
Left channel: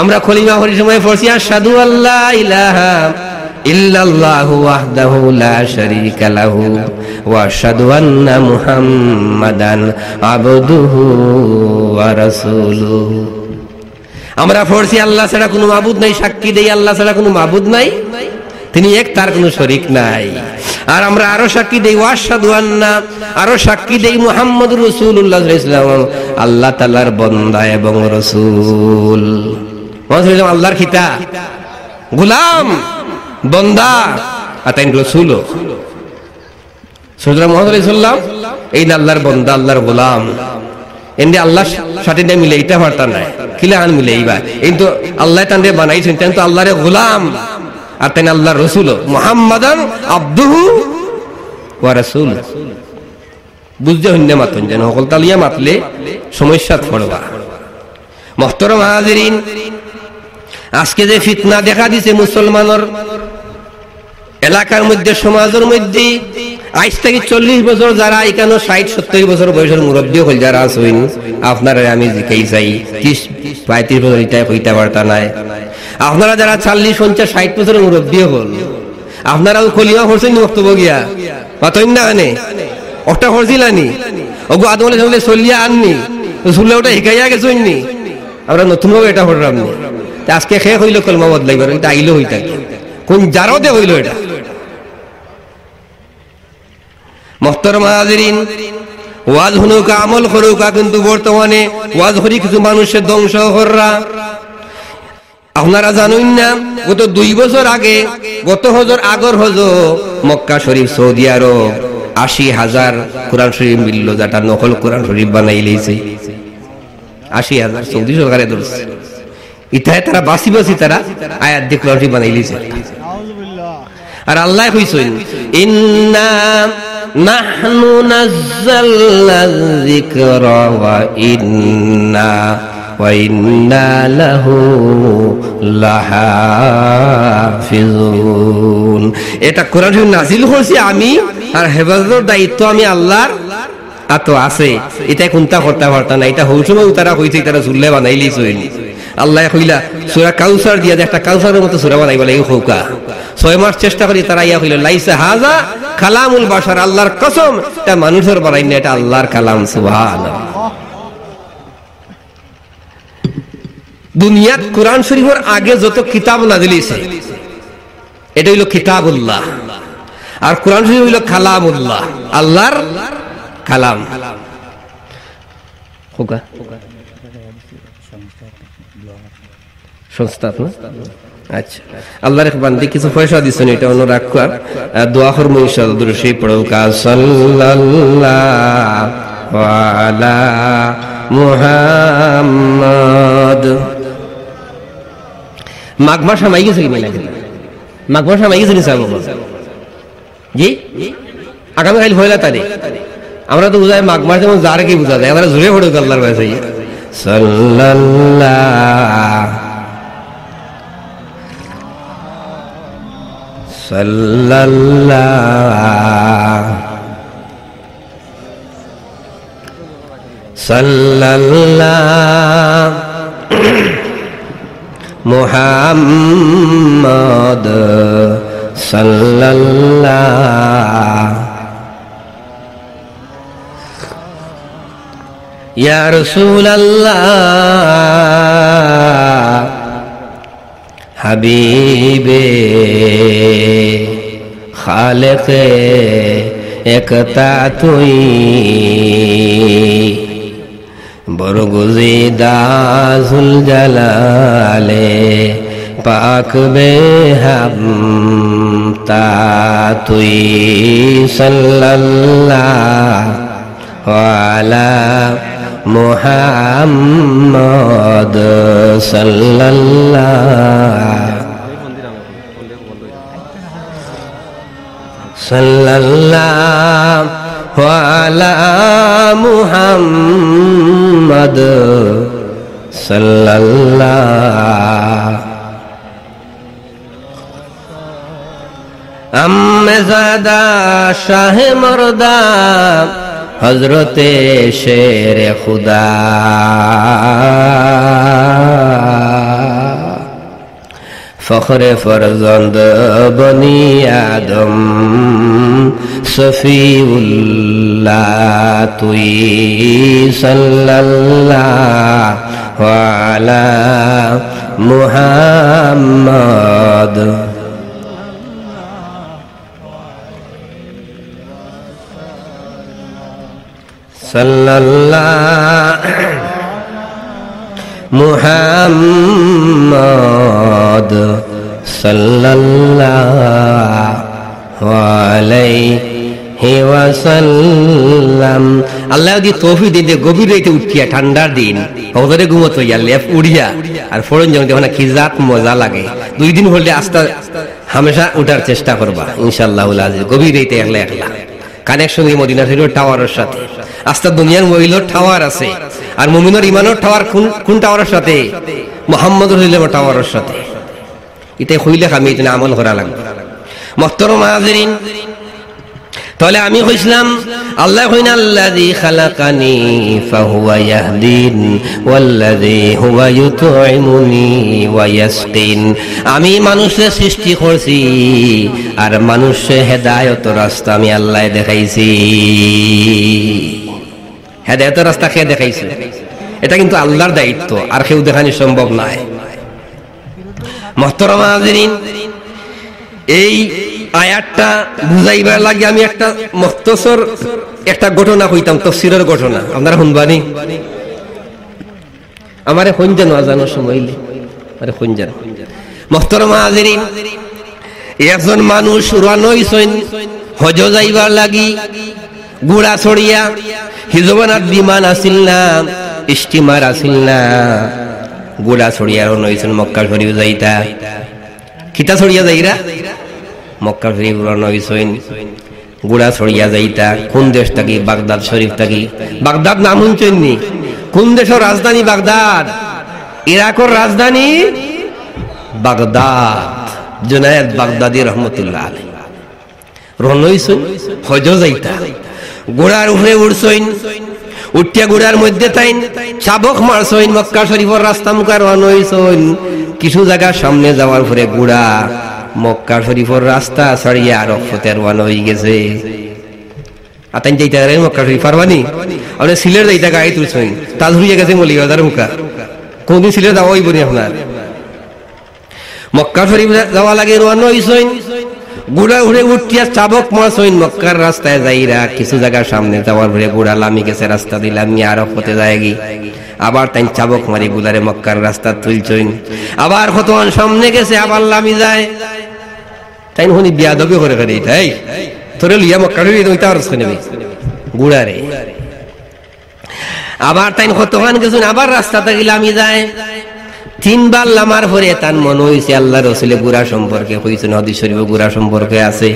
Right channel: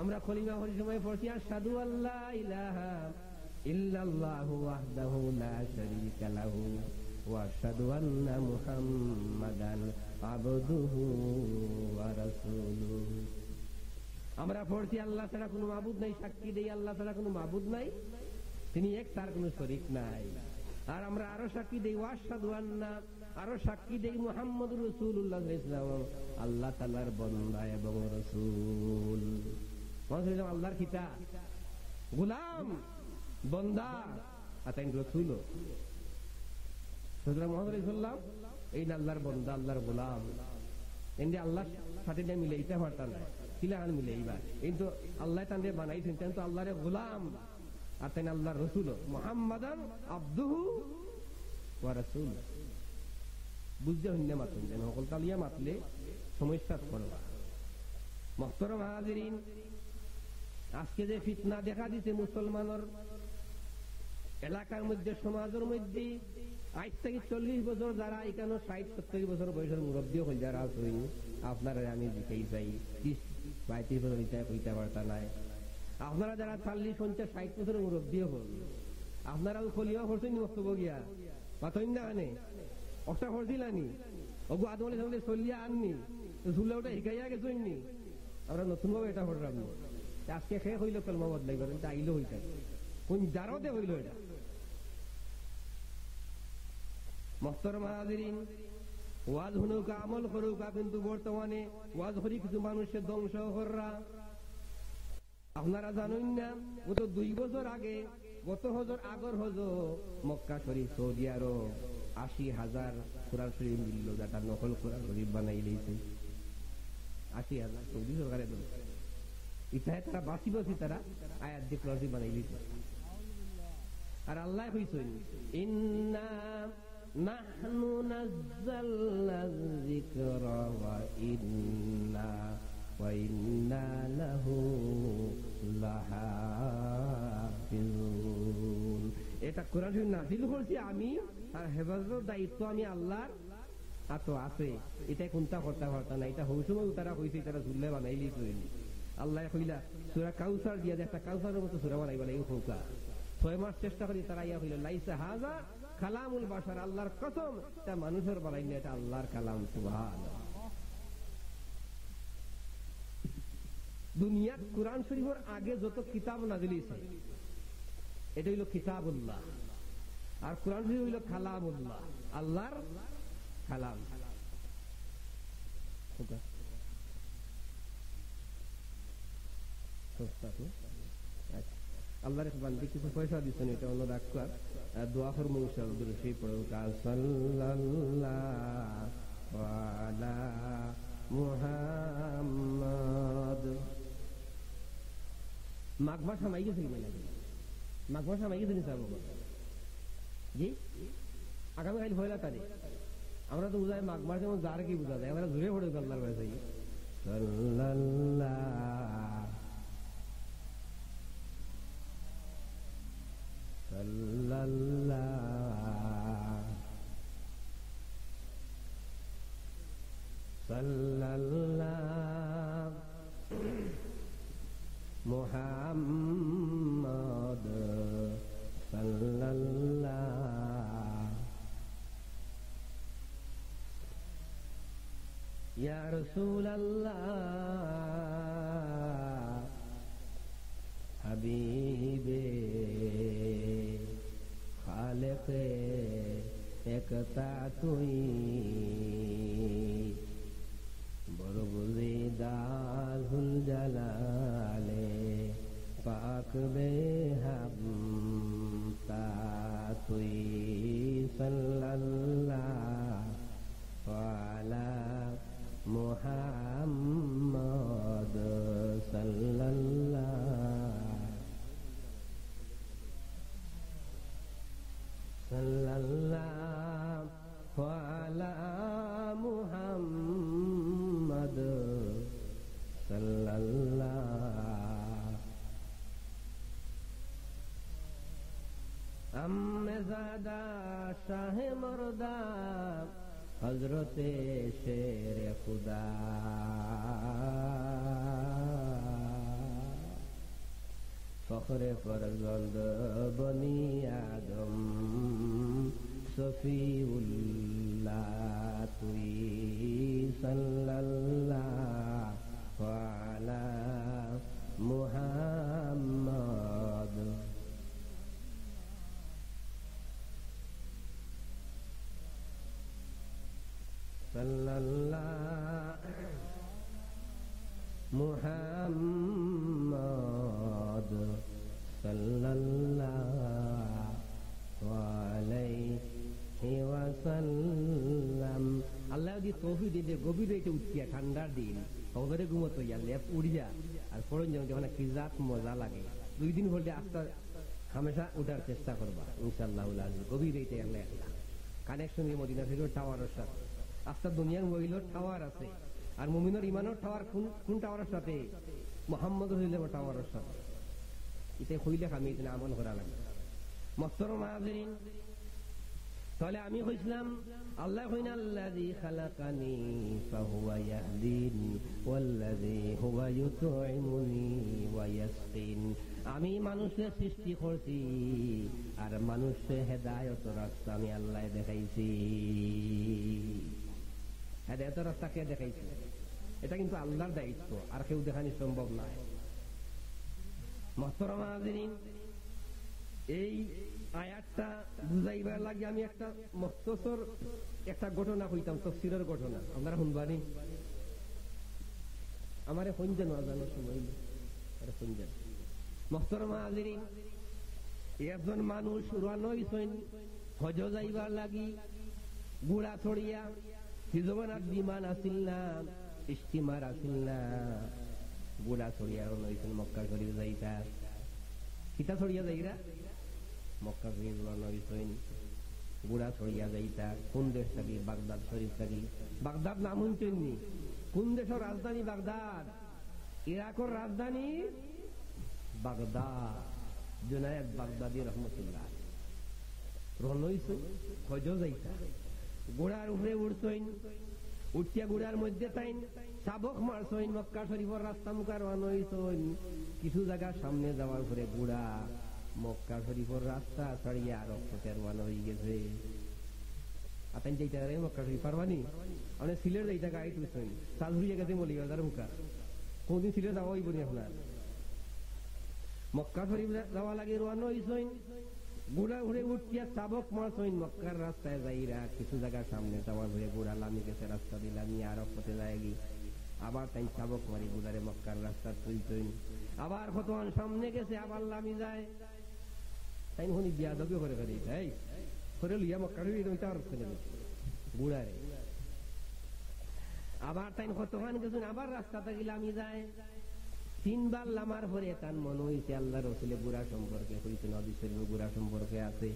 আমরা কলিমা পড়ার সময় পড়ছি আশহাদু আল্লা ইলাহা ইল্লাল্লাহু ওয়াহদাহু লা শারীকা লাহু ওয়া আশহাদু আন্না মুহাম্মাদান আবদুহু ওয়া রাসূলুহু। আমরা পড়ছি আল্লাহ ছাড়া কোনো মাবুদ নাই, সাক্ষী দেই আল্লাহ ছাড়া কোনো মাবুদ নাই, তিনি এক, তার কোনো শরীক নাই। আর আমরা আরো সাক্ষী দেই ওয়া আশহাদু আন্না, আরো সাক্ষী দেই মুহাম্মদুর রাসূলুল্লাহ সাল্লাল্লাহু আলাইহি ওয়াসাল্লাম আল্লাহ তাআলার বান্দা এবং রাসূল। মুহাম্মদ আল্লাহর খিতা গোলাম বন্দা আর তাই রাসূল। সুতরাং মুহাম্মদ সাল্লাল্লাহু আলাইহি ওয়াসাল্লাম এই আল্লাহর বন্দা আল্লাহর গোলাম, এন্ডে আল্লাহর সাথে মিলে এটা বার্তা নাই কিলা আন মিলে এইবার কিন্তু আল্লাহ তান্ডে বানাইছেন তেন তো আল্লাহর গোলাম আর তাই আল্লাহর রাসূল মুহাম্মাদান আবদুহু ওয়া রাসূল। বুঝতে হইনে মাতন যেন সকল তালিয়া মাতলে সমস্যা পড়বা। মুহতারাম হাজিরিন, আজকে যে ফিতনা দেখা দিছে মুসলমানের এলাকার মধ্যে সমাজের মধ্যে, আজ থেকে 40 বছর যারা এখানে 60-70 বছর বয়সের মুরব্বী হল যারা আছেন আপনারা আমি জিকাই চাই 30-35 বছর এটা কইতে পারতা নাই। আপনারা যারা 40-50-60 বছরের মুরব্বী হল আপনারাও কলিমা পড়ছেন বক্তব্য গিয়া পাতইন না আনে ওটা পড়ছিলানি ওগো আদমলে সঙ্গে চলিয়া আননি শুনলে ওটা শিখাইয়া গেছেন নি আমরা নতুনভাবে এটা পড়লাম নি আজকে শেষ হইল কলমা বদলাইবার এটা আইলো হই থাকে কোন জারো দে হইল এটা। মুহতারাম হাজিরিন, ওয়াজ হুনুকা আমল করুকা কিন্তু বর্তমানে ওয়াজ হরি কিছু মানুষের ধ্বংস কররা। আপনারা জানেন না গত 2 বছর আগে গত হজর আগর হজর মক্কা শরীফ সৌদি আরব 80,000 কোরআন শরীফ মিলল, যেটা নকল কোরআন শরীফ বানাই লইছে 80,000 সৌদি সরকারে ধরছে। ইতায় তারা বাসি বাসি তারা আয়াত দিয়ে কোরআন শরীফ বানাই লইছে। আর আল্লাহ কইছেন ইন্না নাহনু নাযালনা যিকরা ওয়া ইন্না লাহু লাহাফিজুন। এটা কোরআন শরীফ নাযিল করছি আমি, আর হেফাজতের দায়িত্ব আমি আল্লাহর আতো আছে। এটা কোনটা করতে পারতা না, এটা হৌসময় তারা কইছে তারা জুল্লে বানাই লইছেন। আল্লাহ কইলা সূরা কাউসার দিয়া একটা কাউসারের মতো সূরা বানাইবা লাগি হৌকা 6 মাস চেষ্টা করি তারা ইয়া কইল লাইসা হাযা কালামুল বাশার, আল্লাহর কসম এটা মানুষের বানাই না, এটা আল্লাহর কালাম। সুবহানাল্লাহ। দুনিয়াত কোরআন শরীফের আগে যত কিতাব নাযিল হইছে এটা হইল কিতাবুল্লাহ, আর কোরআন শরীফ হইল কালামুল্লাহ, আল্লাহর কালাম। হোকা সংস্থা না আচ্ছা, আল্লাহর এক বান্দে কিছু পয়সা দিছেন, এটা অন্য রাখা দোয়া করব ইনশাআল্লাহ। দুরূদ শরীফ পড়ো কা সাল্লাল্লাহু আলা মুহাম্মদ। মাঘ মাস হামাই গেছে কিনা, মাঘ মাস হামাই গেছে নিসাব জি আগামী কাল পয়লা তারিখ। আমরা তো বুঝাই মাঘ মাস যেমন যার কি বুঝা যায়, আমরা জোরে পড়ো আল্লাহর কাছে সাল্লাল্লাহু সাল্লাল্লাহু মুহাম্মদ সাল্লাল্লাহু ইয়া রাসূলুল্লাহ হাবিবে খালেকে একতা তুই বরগুজিদা জুল জালালে পাক বেহাম তা তুই সাল্লাল্লাহু আলা মুহাম্মদ সাল্লাল্লাহু আলা মুহাম্মদ সাল্লাল্লাহু আম্মেজাদা শাহ মর্দা হযরতে শেরে খুদা ফখরে ফরজন্দ বনি আদম সফিউল্লাহ তুই সাল্লাল্লাহু আলা মুহাম্মদ সাল্লাল্লাহু মুহাম্মদ সাল্লাল্লাহু আলাইহি ওয়াসাল্লাম। আল্লাহ যদি তৌফিক দিতে গভীর রাতে উঠিয়া ঠান্ডার দিন হজরে ঘুমত হইয়া লেপ উড়িয়া আর ফোরন যখন কি জাত মজা লাগে 2 দিন হলে আস্তে হামেশা উঠার চেষ্টা করবা ইনশাআল্লাহুল আজিজ। গভীর রাতে একলা একলা কানেকশন এই মদিনা শরীফের টাওয়ারের সাথে। আস্তা দুনিয়ার মহিলার টাওয়ার আছে আর মুমিনের ইমানের টাওয়ার কোন টাওয়ারের সাথে? মুহাম্মদ রাসূলুল্লাহর টাওয়ারের সাথে। এটা হইলে আমি এটা আমল করা লাগবে। মুহতারাম হাজিরিন, তাহলে আমি কইছিলাম আল্লাহ কইনা আল্লাযী খালাকানি ফাহুয়া ইয়াহদিন ওয়াল্লাযী হুয়া ইউতঈমুনি ওয়া ইয়াসকিন। আমি মানুষের সৃষ্টি করছি আর মানুষের হেদায়েতের রাস্তা আমি আল্লাহ দেখাইছি। হেদায়েতের রাস্তা কে দেখাইছে? এটা কিন্তু আল্লাহর দায়িত্ব, আর কেউ দেখানো সম্ভব নয়। মুহতারাম হাজিরিন, এই আয়াতটা বুঝাইবার লাগে আমি একটা মুখতসর একটা ঘটনা কইতাম, তাফসীরের ঘটনা। আপনারা শুনবানি? আমারে শুনছেন আজানোর সময় আরে শুনছেন? মুহতারাম হাজিরিন, একজন মানুষ রওনা হইছেন হজ যাইবার লাগি। ঘোড়া ছড়িয়া হিজবানার বিমান আসিল না, স্টিমার আসিল না, ঘোড়া ছড়িয়া রওনা হইছেন মক্কা শরীফ যাইতা। কিতা ছড়িয়া যাইরা? মক্কা শরীফ রওনা হইছেন, ঘোড়া ছড়িয়া যাইতা। কোন দেশ থাকি? বাগদাদ শরীফ থাকি। বাগদাদ নাম শুনছেন নি? কোন দেশের রাজধানী বাগদাদ? ইরাকের রাজধানী বাগদাদ। জুনায়েদ বাগদাদি রহমতুল্লাহ আলাইহি রওনা হইছেন হজ যাইতা। ঘোড়ার উপরে উঠছেন, উঠিয়া ঘোড়ার মধ্যে তাইন চাবক মারছেন। মক্কা শরীফের রাস্তা মুখে রওনা হইছেন। কিছু জায়গা সামনে যাওয়ার পরে ঘোড়া মক্কা শরীফের রাস্তা ছাড়িয়া আরফতে রওনা হয়ে গেছে। আতাইন যাইতে রে মক্কা শরীফ পারবানি? আপনি সিলেট যাইতা গাড়ি তুলছেন, তাজ হইয়া গেছে মলিবাজার মুখা। কোনদিন সিলেট যাওয়া হইব নি আপনার? মক্কা শরীফ যাওয়া লাগে রওনা হইছেন। ঘোড়া উড়ে উঠিয়া চাবক মারছেন মক্কার রাস্তায় যাইরা। কিছু জায়গা সামনে যাওয়ার পরে ঘোড়া লামি গেছে রাস্তা দিলাম আরফতে যায়গি। আবার তাই চাবক মারি গুলারে মক্কার রাস্তা তুলছেন। আবার কতক্ষণ সামনে গেছে, আবার লামি যায়। তাই শুনি বিয়াদবি করে করে এটাই তোরে লিয়া মক্কা নেবে গুড়ারে। আবার তাই কতক্ষণ গেছেন, আবার রাস্তা থেকে লামি যায়। 3 বার লামার পরে তার মনে হয়েছে আল্লাহ রাসূলের গুড়া সম্পর্কে কইছেন, হাদিস শরীফে গুড়া সম্পর্কে আছে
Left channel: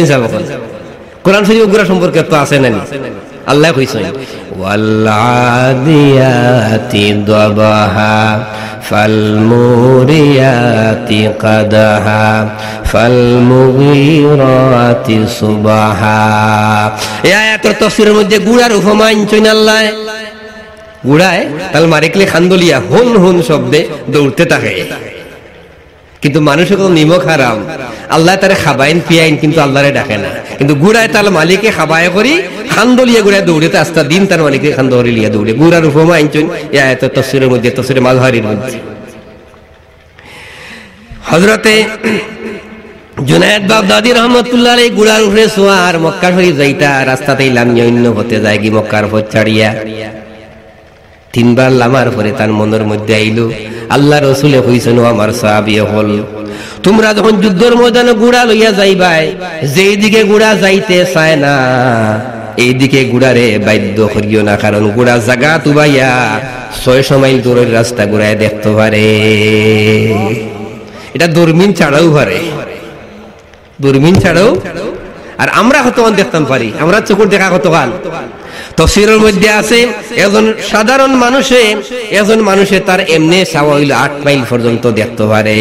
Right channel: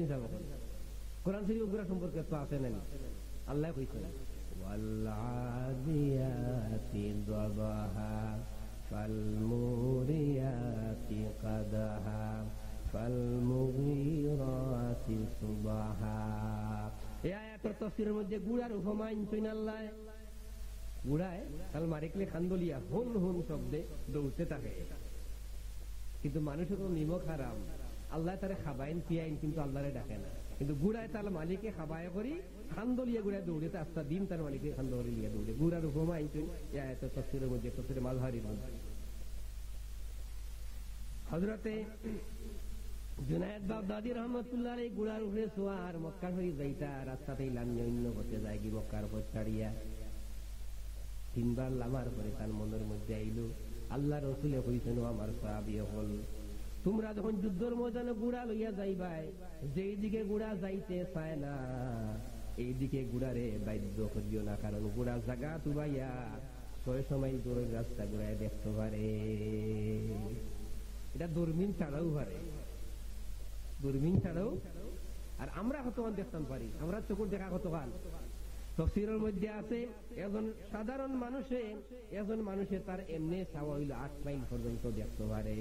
নি সাহেব? কোরআন শরীফে গুড়া সম্পর্কে তো আছে না? আল্লাহ কইছেন ওয়াল্লাদিয়াতি দাবাহা ফালমুরিয়াতি কাদাহা ফালমুগীরাতি সুবাহা। এই আয়াতের তাফসীরের মধ্যে গুড়ার উপমা আনছেন আল্লাহ। গুড়ায় তাল মারিকলে খান্দলিয়া হুন হুন শব্দে দৌড়তে থাকে, কিন্তু মানুষের কত নিমক হারাম। আল্লাহ তারে খাবাইন পিয়াইন, কিন্তু আল্লাহরে ডাকে না। কিন্তু গুড়ায় তাল মালিকে খাবায় করি খান্দলিয়া গুড়ায় দৌড়ে আস্তা দিন তার মালিকে খান্দলি লিয়া দৌড়ে। গুড়ার উপমা আনছেন এই আয়াতের তাফসীরের মধ্যে, তাফসীরে মাযহারির মধ্যে। হযরতে জুনায়েদ বাগদাদি রহমাতুল্লাহ আলাইহি গুড়ার উপরে সোয়ার মক্কা শরীফ যাইতা। রাস্তাতেই লামিয়া অন্য হতে যায় কি মক্কার পথ ছাড়িয়া। 3 বার লামার পরে তার মনের মধ্যে আইলো আল্লাহ রসুলে কইছেন আমার সাহাবী হল তোমরা যখন যুদ্ধের ময়দানে ঘোড়া লইয়া যাইবাই যেই দিকে ঘোড়া যাইতে চায় না এই দিকে ঘোড়ারে বাধ্য করিও না, কারণ ঘোড়া জায়গা তুবাইয়া 600 মাইল দূরের রাস্তা ঘোড়ায় দেখতে পারে। এটা দূরবীন ছাড়াও পারে, দূরবীন ছাড়াও। আর আমরা কতক্ষণ দেখতাম পারি, আমরা চোখের দেখা কতক্ষণ। তাফসীরের মধ্যে আছে একজন মানুষে তার এমনি চাওয়া হইল 8 মাইল পর্যন্ত দেখতে পারে।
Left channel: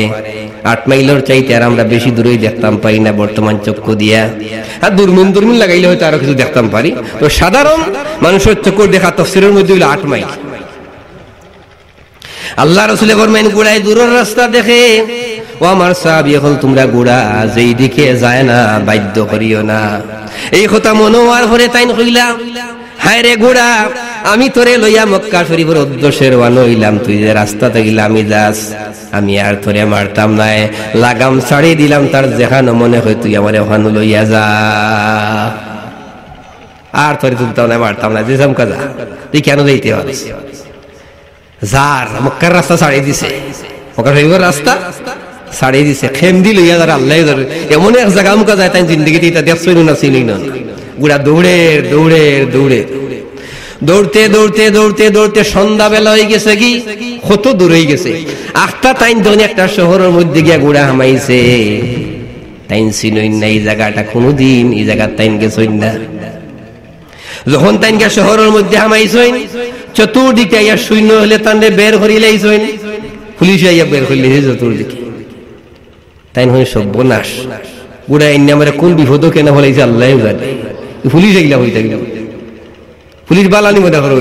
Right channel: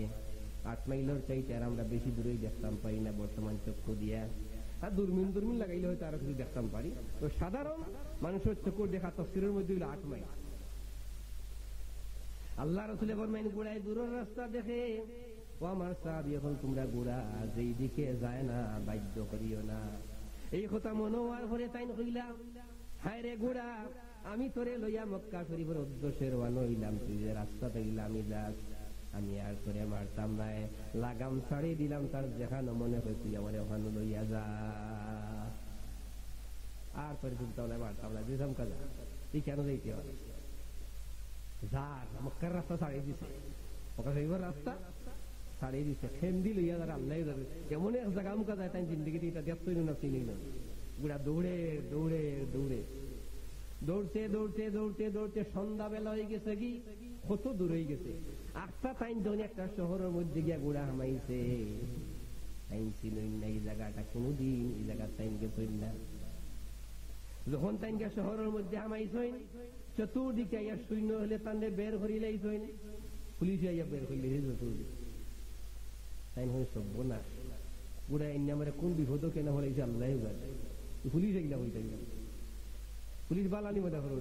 8 মাইলের চাইতে আর আমরা বেশি দূরেই দেখতাম পারি না বর্তমান চক্ষু দিয়া। আর দূরবীন লাগাইলে হয়তো আরো কিছু দেখতাম পারি। তো সাধারণ মানুষের চক্ষুর দেখা তাফসীরের মধ্যে হইল 8 মাইল। আল্লাহ রাসূল ফরমাইন ঘোড়ায় দূরের রাস্তা দেখে ও আমার সাহাবী হল তোমরা ঘোড়া যেই দিকে যায় না বাধ্য করিও না। এই কথা মনে হওয়ার পরে তাই কইলা হায় রে ঘোড়া আমি তোরে লইয়া মক্কা শরীফের উদ্দেশ্যে রওনা হইলাম, তুই যে রাস্তাতে গেলা আমি যাস, আমি আর তোরে মারতাম না, লাগাম ছাড়িয়ে দিলাম তার যেখানে মনে হয় তুই আমার ওখানে লইয়া যা, আর তোরে তুলতাম না মারতাম না, যেসাম কাজা তুই কেন যাইতে পারিস। যার মক্কার রাস্তা ছাড়িয়ে দিছে, মক্কা শরীফের রাস্তা ছাড়িয়ে দিছে, খেমদি লইয়া যারা আল্লাহ এমন এক জায়গা মুখা যায় তাই জিন্দগিতে এটা দেখছই না চিনি না। গুড়া দৌড়তে সন্ধ্যা বেলা হয়ে গেছে, কি কত দূর হয়ে গেছে। 8টা টাইম ধরে একটা শহরের মধ্যে গিয়া গুড়া হামাইছে, টাইম চিনই না এই জায়গাটা কোনোদিন, এই জায়গা টাইম গেছই না। যখন তাইনকে শহরের মধ্যে হামাইছইন চতুর্দিকে আইয়া শূন্য হলে তান্ডে বের করিলেইছইন, পুলিশ আইয়া বের করলে চতুর্দিকে, তাই নয় সর্বনাশ। গুড়া এনে আমার কোন বিপদ কেন হলাইছে আল্লাহ জানে। পুলিশ এগুলা হয়ে থাকলে পুলিশ বালানি মনে করো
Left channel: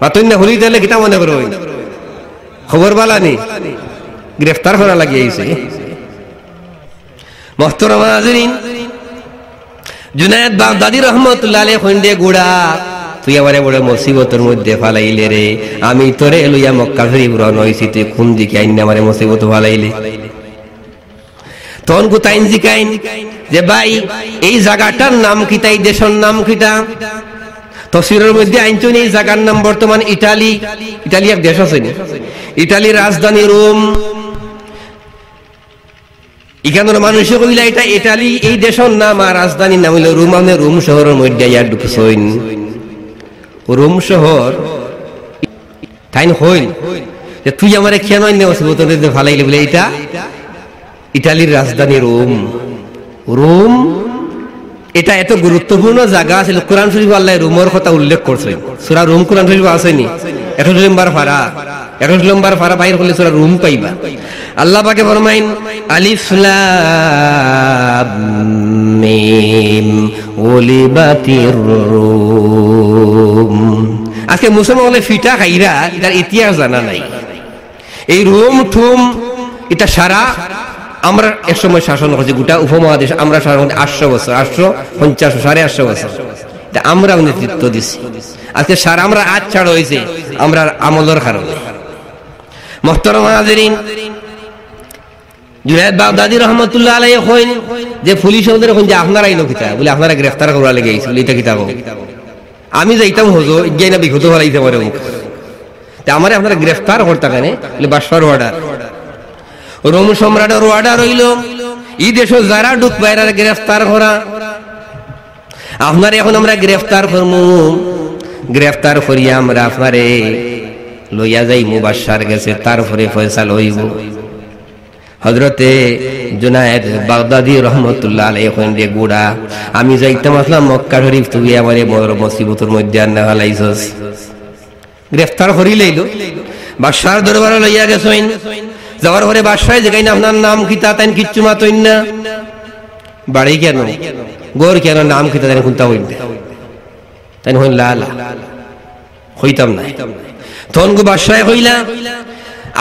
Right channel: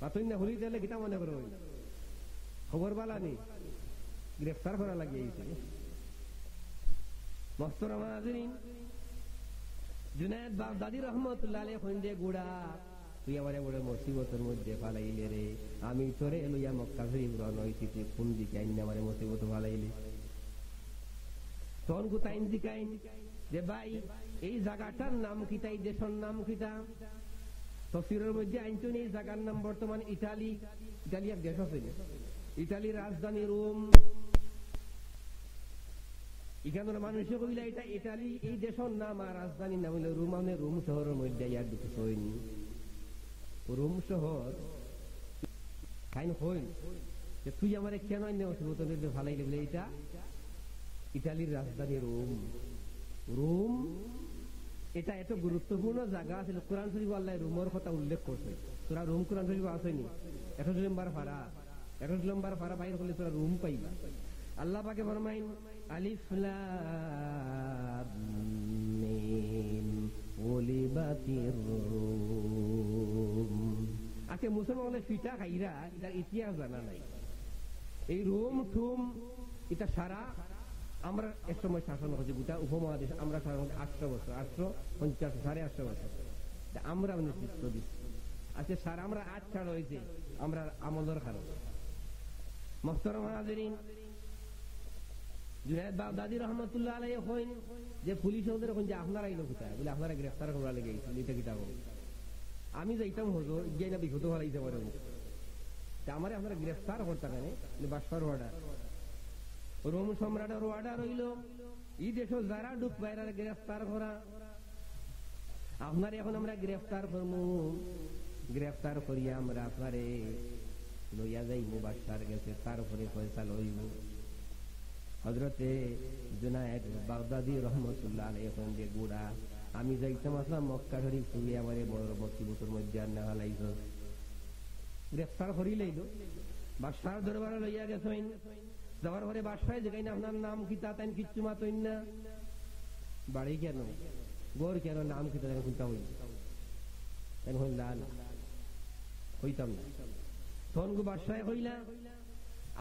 পাতন না হলি তাহলে কিতা মনে করো খবর বালানি গ্রেফতার করা লাগিয়েছে। মোহতারাম হাজিরিন, জুনায়েদ বাগদাদী রাহমাতুল্লাহ আলাইহি কইন্দে গুড়া তুই আমারে বড় মুসিবতের মধ্যে ফালাইলে রে, আমি তোরে লইয়া মক্কা শরীফ রওনা হইছি, তুই কোন দিকে আইন আমারে মুসিবত ফালাইলে। তখন কোথাইন জিকাইন যে ভাই এই জায়গাটার নাম কিতা, এই দেশের নাম কিতা। তাফসীরের মধ্যে আইনচুন এই জায়গার নাম বর্তমান ইটালি, ইটালি এক দেশ আছে, ইটালির রাজধানী রোম। এখানের মানুষে কইলা এটা ইটালি এই দেশের নাম, আর রাজধানীর নাম হইল রোম। মানে রোম শহরের মধ্যে ইয়া ঢুকছইন, রোম শহর তাই হইল যে তুই আমারে কেন ফালাইলে বলে এটা ইটালির রাজধানী রোম। রোম এটা এত গুরুত্বপূর্ণ জায়গা ছিল, কোরআন শরীফ আল্লাহ রোমের কথা উল্লেখ করছে। সূরা রোম কোরআন শরীফ আসেনি, 21 নম্বর পারা বাইর করলে সূরা রোম পাইবা। আল্লাহ পাকে ফরমাইন আলিফ লাম মিম উলিবাতির রোম। আজকে মুসলমান হলে ফিটা খাইরা এটার ইতিহাস জানা নাই। এই রোম ঠুম এটা সারা আমরা এক সময় শাসন করছি গোটা উপমহাদেশ, আমরা শাসন 800 বছর, 850 850 বছর আমরা নেতৃত্ব দিচ্ছি। আজকে সারা আমরা আজ ছাড় হয়েছে আমরা আমলের কারণে। মোহতারাম হাজিরিন, জুনায়েদ বাগদাদী রাহমাতুল্লাহ আলাইহি কইন যে পুলিশ ওদের কোন যে আপনারা আইনো কিতা বলে আপনারা গ্রেফতার করা লাগি আইছিল, এটা কিতা কও। আমি যাইতাম হজো ইজ্ঞাই না বিঘত হলাইতে পারে মুখ তে আমারে আপনারা গ্রেফতার করতে কেন বলে বাদশাহর অর্ডার, রোম সম্রাটের অর্ডার হইল এই দেশে যারা ঢুক বাইরে গ্রেফতার করা। আপনার এখন আমরা গ্রেফতার করবো, গ্রেফতার করিয়া আমরা আপনারে লইয়া যাইমু বাদশার গেছে, তারপরে ফয়সালা হইব। হযরতে জুনায়েদ বাগদাদী রাহমাতুল্লাহ আলাইহি কইন্দে গুড়া আমি যাইতাম আসলাম মক্কা শরীফ, তুই আমারে বড় মুসিবতের মধ্যে আননা ফেলাইছস। গ্রেফতার করিলেইল, বাদশার দরবারে লইয়া গেছেন। যাওয়ার পরে বাদশাহ যেখানে আপনার নাম কিতা তাই কিচ্ছু মাতইন না, বাড়ি কেন গোর কেন নাম কিতা তাই খুলতা হইন তাই হইন লালা হইতাম না। তখন গো বাদশাহ কইলা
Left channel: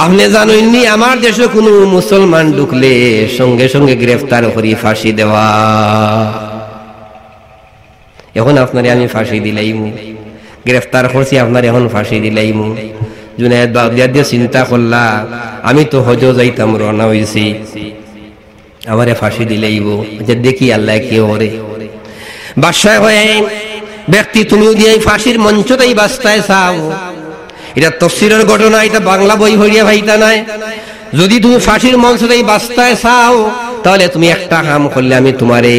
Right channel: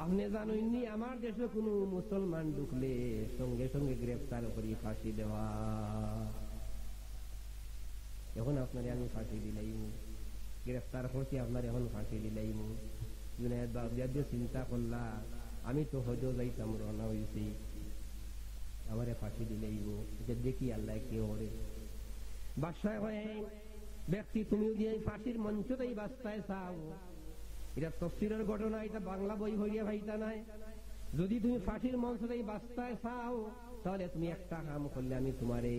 আপনি জানেননি আমার দেশে কোন মুসলমান ঢুকলে সঙ্গে সঙ্গে গ্রেফতার করি ফাঁসি দেওয়া। এখন আপনারে আমি ফাঁসি দিলাইমু, গ্রেফতার করছি আপনার এখন ফাঁসি দিলাইমু। জুনায়েদ বাগদাদী চিন্তা করলা আমি তো হজ যাইতাম রওনা হইছি, আমারে ফাঁসি দিলাইব, যে দেখি আল্লাহ কি ওরে। বাদশাহ হয়ে ব্যক্তি তুমিও দিয়ে ফাঁসির মঞ্চটাই বাস্তায় চাও, এটা তাফসীরের ঘটনা, এটা বাংলা বই হইয়া ভাইতা নাই। যদি তুমি ফাঁসির মঞ্চে বাস্তায় চাও তাহলে তুমি একটা কাম করলে আমি তোমারে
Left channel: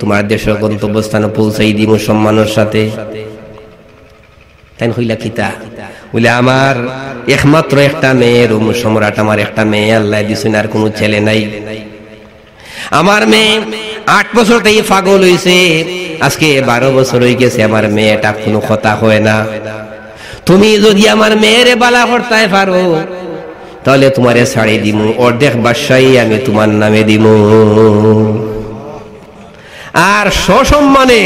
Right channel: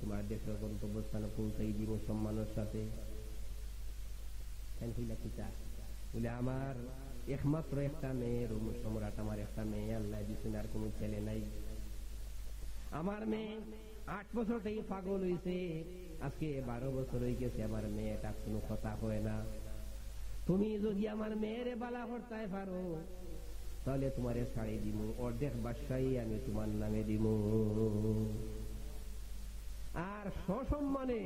তোমার দেশের গন্তব্যস্থানে পৌঁছাই দিব সম্মানের সাথে। তাই হইলা কিতা বলে আমার একমাত্র একটা মেয়ে, রোম সম্রাট আমার একটা মেয়ে আল্লাহ দিছেন, আর কোনো ছেলে নাই। আমার মেয়ে 8 বছর থেকে পাগল হইছে, আজকে 12 বছর হয়ে গেছে, আমার মেয়েটা কোনো কথা হয় না। তুমি যদি আমার মেয়ের বালা হরতায় পারো তাহলে তোমারে ছাড়ি দিমু, অর্ধেক বাদশাহী আমি তোমার নামে দিমু, আর সসম্মানে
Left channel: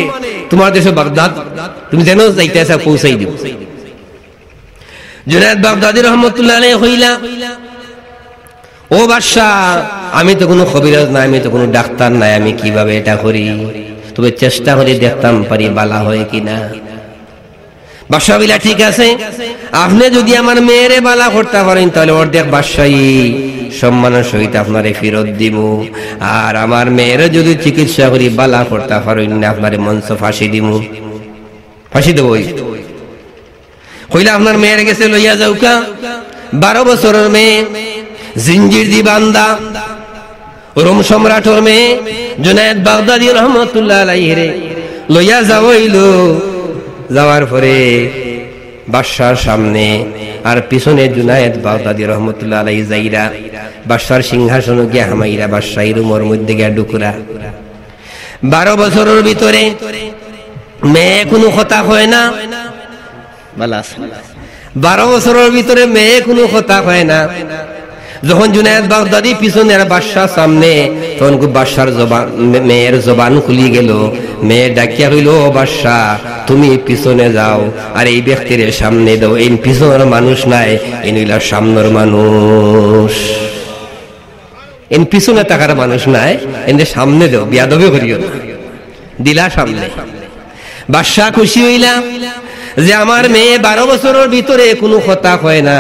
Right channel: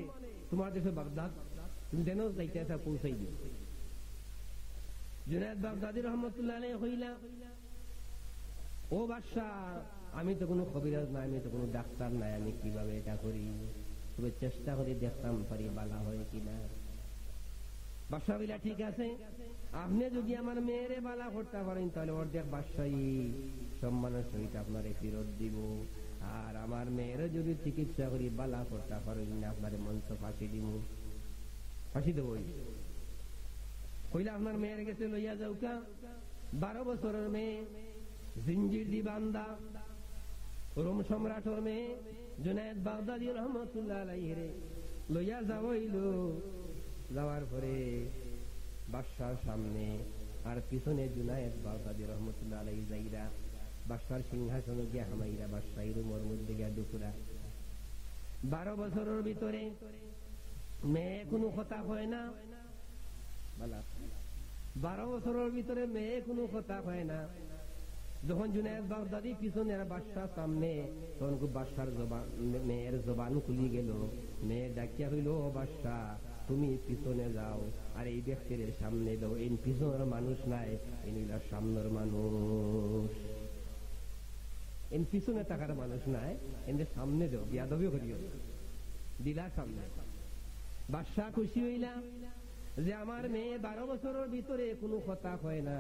তোমার দেশে বাগদাদ তুমি যেন যাইতেছে পৌঁছাই দিব। জুনায়েদ বাগদাদী রহমতুল্লাহ আলাইহি হইলা, ও বাদশাহ আমি তো কোনো কবিরাজ নাই, আমি তো কোনো ডাক্তার নাই, আমি কিভাবে এটা করি? তবে চেষ্টা করে দেখতাম পারি বালা হয় কিনা। বাদশাহ বলিলা ঠিক আছে, আপনি যদি আমার মেয়েরে বালা করতে পারেন তাহলে অর্ধেক বাদশাহী সম্মানের সহিত আপনারে ফেরত দিব, আর আমার মেয়েরে যদি চিকিৎসা করি বালা করতে পারেন না আপনারে মঞ্চ ফাঁসি দিব, ফাঁসি দেব। কইলা আপনার মেয়ের গেছে লইয়া যাওকা, 12 বছরের মেয়ে, জিঞ্জির দি বান্দা, রোম সম্রাটের মেয়ে জুনায়েদ বাগদাদী রহমতুল্লাহ আলাইহি রে লইয়া যাওইলো। যাওয়ার পরে বাদশার সামনে আর পিছনে জুনায়েদ বাগদাদী রহমতুল্লাহ আলাইহি যাইরা বাদশার সিংহাসনে গিয়া হামাইরা বাদশাহী রুমের মধ্যে গিয়া ঢুকুরা। 12 বছরের ভিতরে মেয়ে কোনো কথা হয় না, 12 বছরের ভিতরে মেয়ে কোনো কথা হয় না। যখন জুনায়েদ বাগদাদী পিছনে আর বাদশার সামনে, তখন বাদশার মেয়ের জবান খুলি গেল। মেয়ে ডাকিয়া হইল, ও বাদশাহ তুমি পিছনে যাও আর এই ব্যক্তির সামনে দাও, এই পিছনের মানুষ নাই, এই নইলা সামনের মানুষ, এন পিছনে থাকার মানুষ নাই, এনে সামনে দাও, বিয়াদবি করিও না। দিলা সামনে। বাদশাহ খুশি হইলা যে আমার মেয়ে 12 বছরের ভিতরে কোনো কথা হয় না,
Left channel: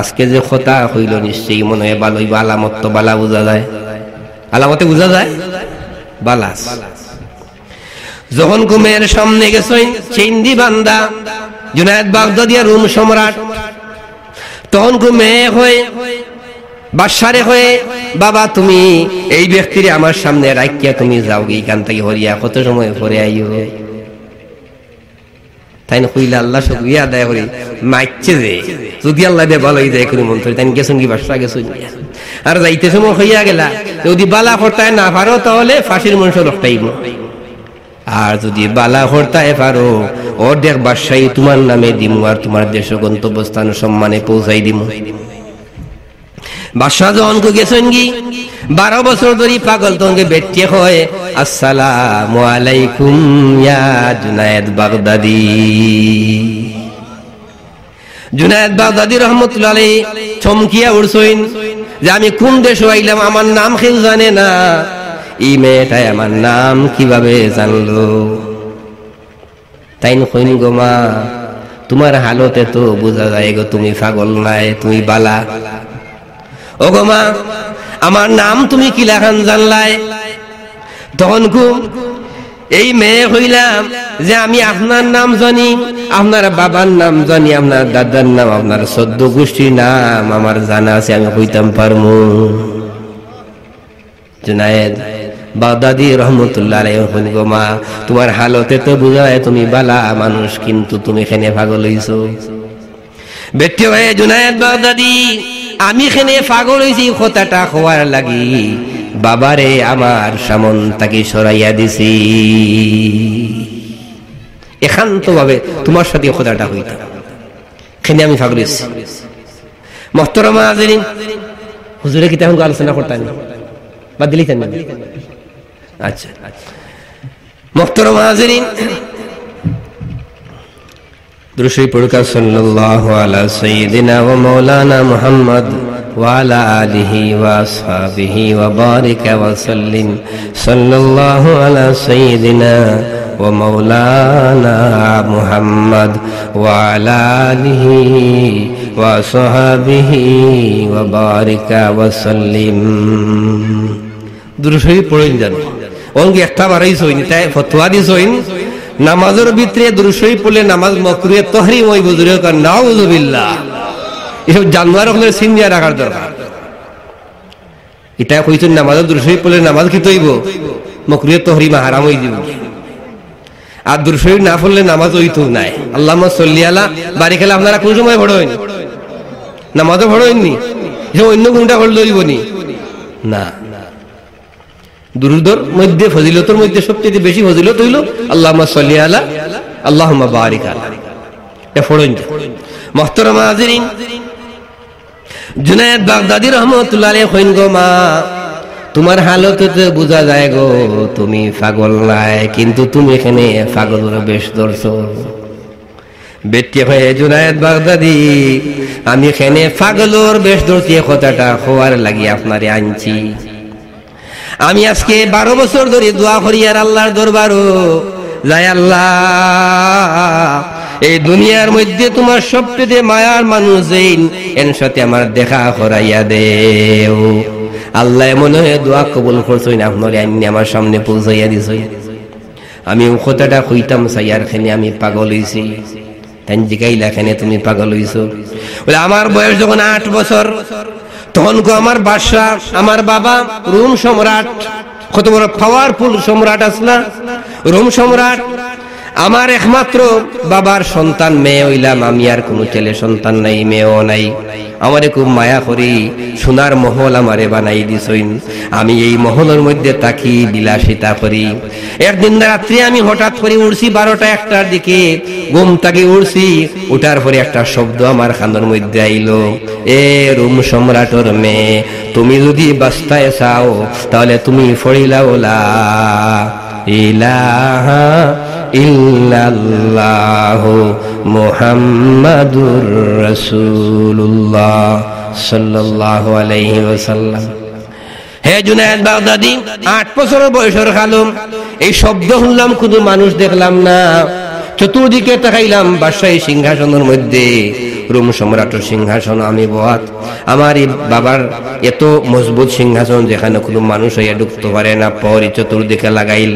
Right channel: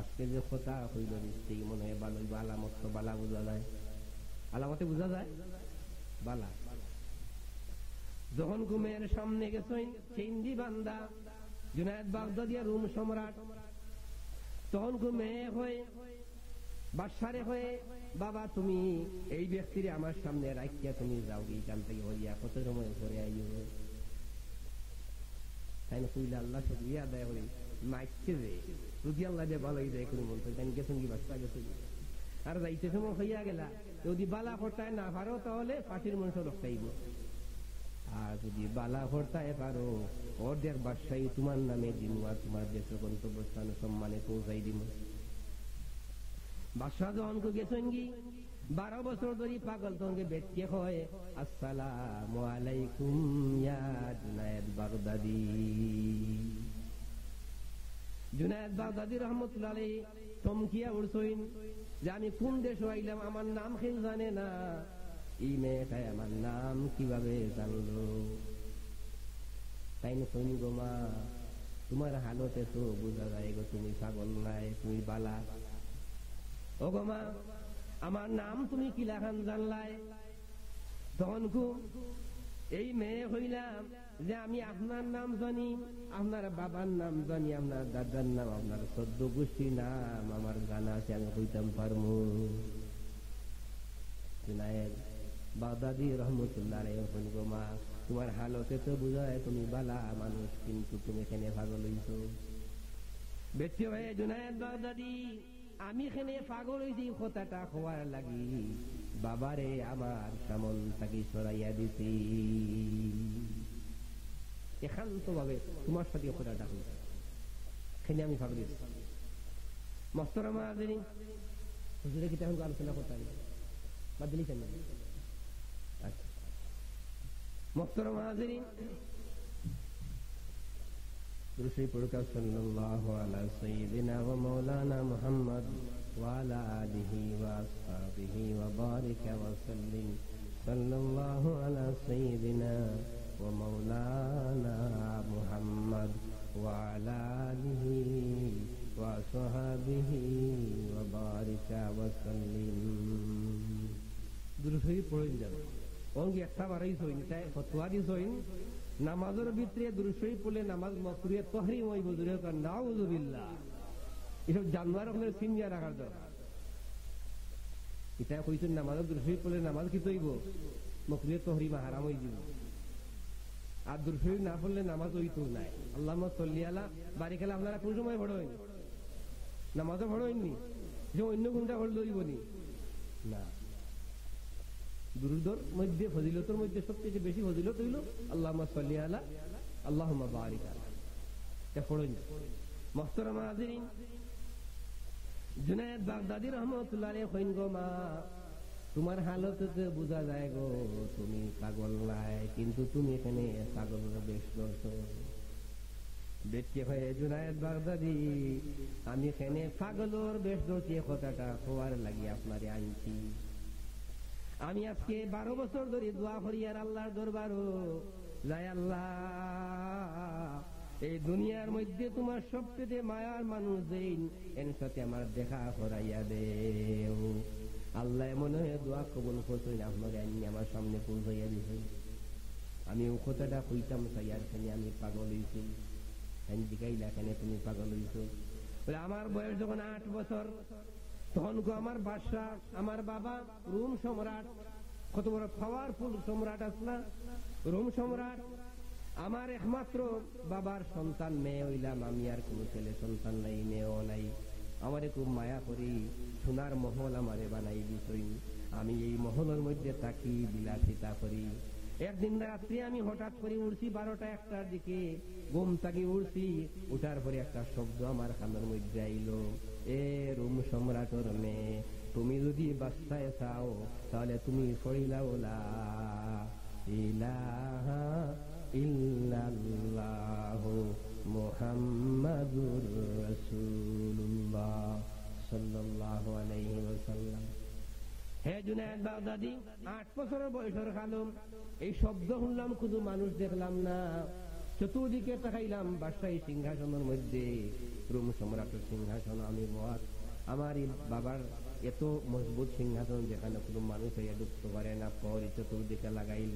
আজকে যে কথা হইল নিশ্চয়ই মনে হয় ভালো হইব। আলামত তো বালা বোঝা যায়, আলামতে বোঝা যায় বালাস। যখন মেয়ের সামনে গেছেন চিন্দি বান্দা জুনায়েদ বাগদাদী রোম সম্রাট, তখন মেয়ে হয়ে বাদশারে হয়ে, বাবা তুমি এই ব্যক্তিরে আমার সামনে রাখিয়া তুমি যাও এইখান থেকে হরিয়া, কত সময় পরে আইও। তাই না কইলা আল্লাহ শুকরিয়া আদায় করি, মাইচ্ছে যে যদি আল্লাহ দিয়ে ভালো যায় কোনো মন্ত্রী তাই গেছেন কি বাদশা গেছেন, আর যাইতে সময় হইয়া গেলা, যদি বালা হরতায় না পারো তাহলে ফাঁসির মঞ্চ রক্তাইব, আর যদি বালা হরতায় পারো অর্ধেক বাদশাহী তোমার নামে দিমু, আর তোমার দেশ গন্তব্যস্থান সম্মানে পৌঁছাই দিমু। বাদশাহ যখন গেছেন কি 12 বছর ধরে পাগল, তখন বেটিয়ে হয়, আসসালামু আলাইকুম ইয়া জুনায়েদ বাগদাদী। জুনায়েদ বাগদাদী রহমতুল্লাহ আলাইহি চমকিয়া উঠছেন যে আমি কোন দেশে আইলাম, আমার নাম কেউ জানে না, এই মেয়েটাই আমার নাম কিভাবে জানলো? তাই কইন গো মা, তোমার হালতে তো বোঝা যায় গো তুমি পাগল নাই, তুমি বালা। ও গো মা, আমার নাম তুমি কি লেখান জানলাই? তখন এই মেয়ে হইলাম যে আমি আপনার নাম জানি, আপনার বাবার নাম জানি, আপনার দাদার নাম, আপনার 14 গোষ্ঠীর নাম আমার জানা আছে, আমি কইতাম পারমু। জুনায়েদ বাগদাদী রহমতুল্লাহ আলাইহি বলেন, গো মা তোমার হালতে তো বোঝা যায় তুমি বালা মানুষ, কিন্তু তুমি এখানে পাগল হইছো। বেটি হয়ে জুনায়েদ বাগদাদী, আমি এখানে পাগল হইছি কথাটা হওয়ার লাগি বাবারে আমার সামন তাকে সরাইয়া দিছি, একান্ত ভাবে তোমার সাথে কথাটা হইতাম, এখানে আমি পাগল হইছি। মুহতারামা হাজিরিন, হুজুরে কি তেমন আলোচনা করতেন বা দিলিতেন না? আচ্ছা মুহতারামা হাজিরিন, দুরূদ পড়ুকা সাল্লাল্লাহু আলা সাইয়্যিদিনা ওয়া মাওলানা মুহাম্মদ ওয়া আলা আলিহি ওয়া আসহাবিহি ওয়া বারিকা ওয়া সাল্লিম। সাল্লাল্লাহু আলা সাইয়্যিদিনা ওয়া মাওলানা মুহাম্মদ ওয়া আলা আলিহি ওয়া আসহাবিহি ওয়া বারিকা ওয়া সাল্লিম। দুরূদ পড়েন জানো অঙ্গে একটা বাড়াই সইনি, তাই ফতোয়া দিছইন নামাজের ভিতরে দুরূদ শরীফ পড়লে নামাজ মাকরুহে তাহরিম ওই বুজুর্গ কার নাউযুবিল্লাহ এসব জানোয়ার হলে সিনিয়া রাখার দরকার এটা কইছেন নামাজের দুরূদ শরীফ পড়লে নামাজ কি তৈব মাকরুহে তাহরিম হারাম হয়ে যাবে আর দুরূদ শরীফ না পড়লে নামাজ হইতো নাই আল্লাহুম্মা সাল্লি আলা বাড়ি খেলে আপনারা কোন সময় পড়ো হয়নি নামাজও পড়ো হয়নি অন্য কোনটা পড়লে হইবনি না দুরুদের মধ্যে ফজিলতের মধ্যে সবচেয়ে বেশি ফজিলত হইল আল্লাহুম্মা সাল্লি আলা আল্লাহুম্মা বারিক আলা এটা পড়ুন মুহতারাম হাজিরিন জুনায়েদ বাগদাদী রাহমাতুল্লাহ আলাইহি কইন গো মা তোমার হালতে বোঝা যায় গো তুমি পাগল নাই কিন্তু তুমি এখানে পাগলের বেশ ধরছো বেটি হয়ে জুনায়েদ বাগদাদী আমি এখানে পাগলের বেশ ধরছি কথাটা হওয়ার লাগি আপনারে আনছি আমি আজকে 12 বছর ধরে দোয়া করি আর আল্লাহর দরবারও যাই আল্লাহ এই দুনিয়ার মধ্যে তোমার সবচেয়ে মায়ার মানুষ এর সাথে আমার দেখা করাইয়া দেও আল্লাহ মনে হয় দোয়া কবুল করছই না আপনারে আইনি আমার সামনে পৌঁছাইয়া দিছই আমি ও কথাটা কইতাম সাইয়ার খানে আমি পাগল হইছি তাই জিগাইলা খানে তুমি পাগল হইছো বলে আমার বয়স যখন 8 বছর তখন আমার বাদশা আমার বাবা রোম সম্রাট কত বড় পাওয়ারফুল সম্রাট আসলা রোম সম্রাট আমার একমাত্র বাবার সন্তান মেয়ে হইলাম আমি আর কোনো ছেলে সন্তান নাই মেয়েও নাই আমারে খুব মায়া করি সোনার মহল আমারে বানাই দিছইন আমি এই মহলের মধ্যে থাকি বিলাসিতা করি একদিন রাত্রে আমি হঠাৎ করে উঠছি 12টা 1টার দিকে ঘুম থেকে উঠছি উঠার পরে একটা শব্দ আমার কানের মধ্যে আইলো এ রোম সম্রাটের মেয়ে তুমি যদি বাস্তায় চাও তাহলে তুমি ফড়িলাও লা ইলাহা ইল্লাল্লাহু মুহাম্মাদুর রাসূলুল্লাহ সাল্লাল্লাহু আলাইহি ওয়াসাল্লাম হে জুনায়েদ বাগদাদী 8 বছরের বয়সের কালম এই শব্দ শুনলাম কোনো মানুষ দেখলাম না চতুর্দিকে তাকাইলাম বাদশাহী সিংহাসনের মধ্যে রোম সম্রাটের সিংহাসন আমি বহাত আমার বাবার এত মজবুত সিংহাসন যেখানে কোনো মানুষ হইয়া ঢুকতে পারে না পরে চতুর্দিকে লাগাইল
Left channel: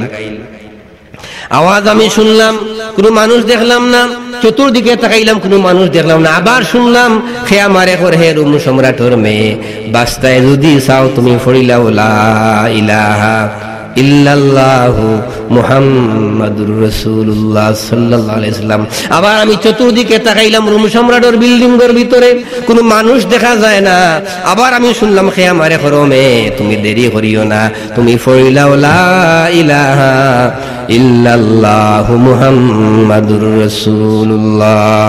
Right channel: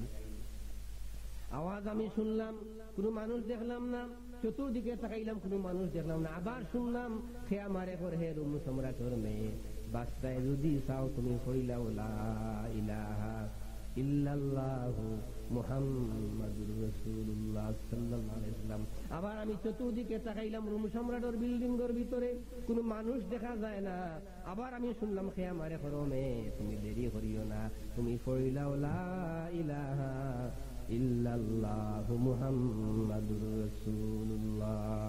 আওয়াজ আমি শুনলাম কোনো মানুষ দেখলাম না চতুর্দিকে তাকাইলাম কোনো মানুষ দেখলাম না আবার শুনলাম হে আমারে করে হে রোম সম্রাটের মেয়ে বাস্তায় যদি চাও তুমি ফড়িলাও লা ইলাহা ইল্লাল্লাহু মুহাম্মাদুর রাসূলুল্লাহ সাল্লাল্লাহু আলাইহি ওয়াসাল্লাম আবার আমি চতুর্দিকে তাকাইলাম রোম সম্রাটের বিল্ডিং এর ভিতরে কোনো মানুষ দেখা যায় না আবার আমি শুনলাম হে আমারে করমে তুমি দেরি করিও না তুমি ফড়িলাও লা ইলাহা ইল্লাল্লাহু মুহাম্মাদুর রাসূলুল্লাহ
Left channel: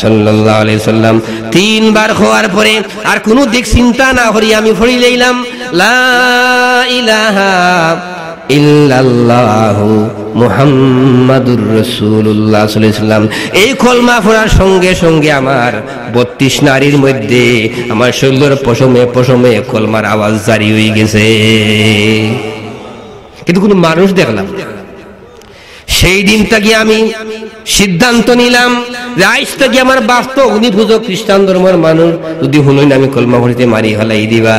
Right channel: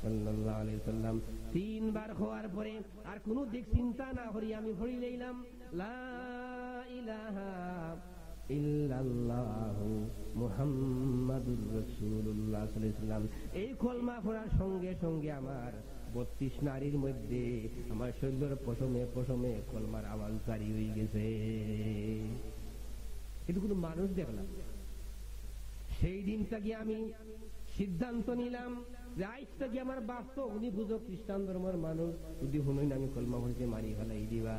সাল্লাল্লাহু আলাইহি ওয়াসাল্লাম 3 বার হওয়ার পরে আর কোনো দিক চিন্তা না করি আমি ফড়ি লইলাম লা ইলাহা ইল্লাল্লাহু মুহাম্মাদুর রাসূলুল্লাহ সাল্লাল্লাহু আলাইহি ওয়াসাল্লাম এই কলমা পড়ার সঙ্গে সঙ্গে আমার 32 নারীর মধ্যে আমার শরীরের পশমে পশমে কলমার আওয়াজ জারি হয়ে গেছে কিন্তু কোনো মানুষ দেখলাম সেই দিন থেকে আমি সিদ্ধান্ত নিলাম যে আজ থেকে আমার বাপ তো অগ্নিপূজক খ্রিস্টান ধর্মের মানুষ যদি শুনুন আমি কলমা পড়িতে মারি ফেলাই দিবা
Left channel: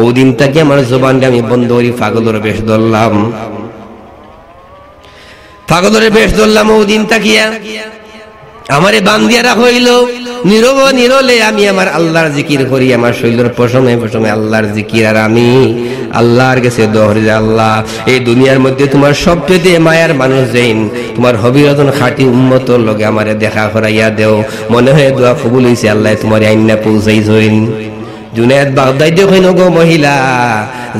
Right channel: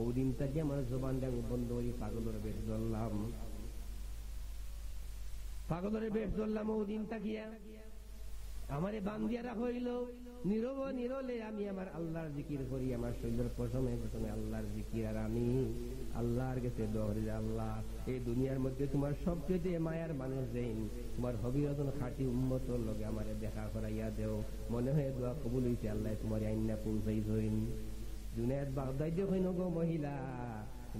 ওই দিন থেকে আমার জবানটা আমি বন্ধ করি পাগলের বেশ ধরলাম ওই দিন তাকিয়া আমারে বান্ধিয়া রাখা হইল নীরব নিরলে আমি আমার আল্লাহর জিকির করি আমার শরীরের পশমে পশমে আল্লাহর জিকির আর আমি আল্লাহর কাছে দোহরি আল্লাহ এই দুনিয়ার মধ্যে তোমার সবচেয়ে মায়ার মানুষ যেইন তোমার হবিরতন খাঁটি উম্মতর লগে আমারে দেখা করাইয়া দেও মনে হয় দোয়া কবুল হইছে আল্লাহ তোমার আইনা পৌঁছাইছেন জুনায়েদ বাগদাদী কইন গো মহিলা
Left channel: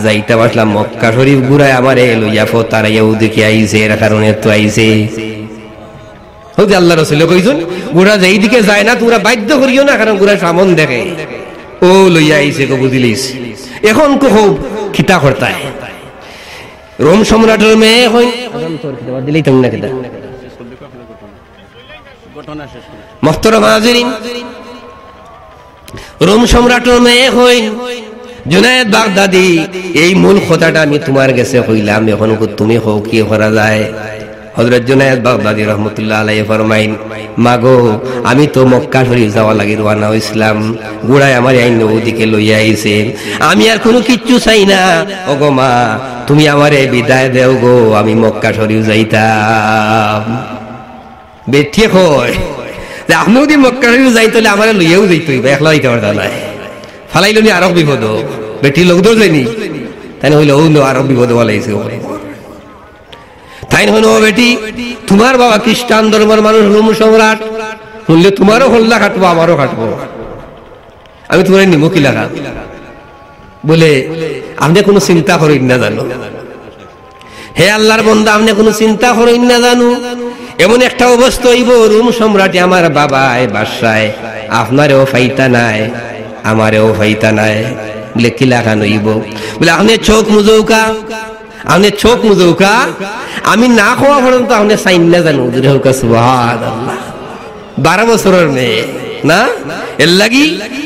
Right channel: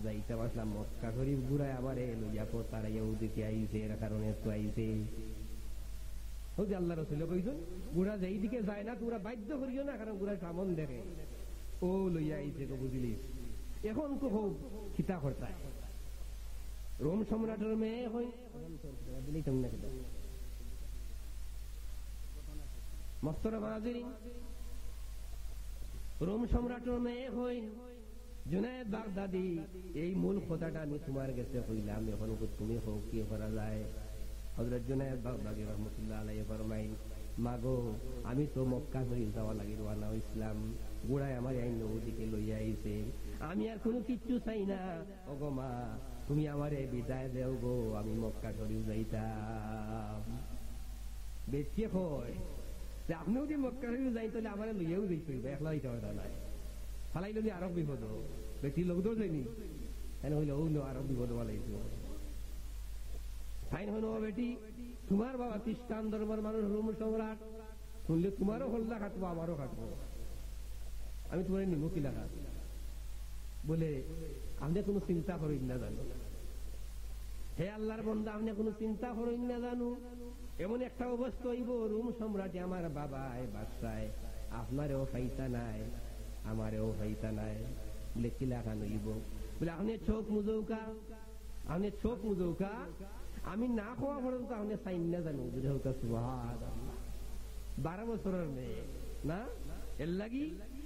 যাইতা আসলাম মক্কা শরীফ ঘুরায় আমারে লইয়া ফতারাইয়া ওদিকে আইছে এর কারণে তো আইছে হতে আল্লাহ রাসূল কইছেন গোড়া যেই দিকে যায় না তোমরা বাধ্য করিও না কারণ গোড়া সামন দেখে ও লইয়া আইছে কো বুঝিলিস এখন কো খিতা করতা রোম সম্রাটের মেয়ে হই আদম তোর খিতা দিলেই তুমি না খিতা ঘটনা শেষ মুহতারাম হাজিরিন রোম সম্রাটের মেয়ে হই জুনায়েদ বাগদাদী এই মূল কথাটা আমি তোমার কাছে কইলাম এখন তুমি হও কি করা যায় হযরত জুনায়েদ বাগদাদী রহমাতুল্লাহ আলাইহি ফরমাইন, মাগো আমি তো মক্কা শরীফ যাওয়া লাগি রওনা হইছিলাম, গুড়ায় আমার এই নদীকে লইয়া আইছে, আমি আর কোনো কিচ্ছু চাই না। ওগো মা, তুমি আমারে বিদায় দেও গো, আমি মক্কা শরীফ যাইতাম। বেঠিয়ে কয় যে আপনি যদি মক্কা শরীফ যাই তাহলে আমারে লইয়াও যাইতে হইবে, একলা যাইতে পারতা না, ফালাইলনি আরো বিপদ। বেটি লোক তো যায়নি, তাই হইলে ও আরো বিপদ বলাইছে। তাই হইল, ও বেটি তোমার বাবা খ্রিস্টান ধর্মের মানুষ, রোম সম্রাট, শুনলে তোমারও হল্লা কাটবো, আমারও কাটবো, আমি তোমার নিমো কি লাগা? বলে আপনি কোনো চিন্তা করেন না জানো, হে আল্লাহর বন্দা, আপনি কোনো চিন্তা করেন না জানো, এমন একটা অবস্থা হইব রোম সম্রাটে আমার বাবায় বাসায়, আপনারেও ফাইতা নাই, আমারেও ফাইতা নাই। বলে কি লাগানো হইব? বলে আপনি চোখ মুজৌকা, আপনি চোখ মুজৌকা, আমি না খাওয়া পর্যন্ত আপনি চাইন না জানো। সুবহানাল্লাহ, 12 বছরের মেয়ে না, এর লাগি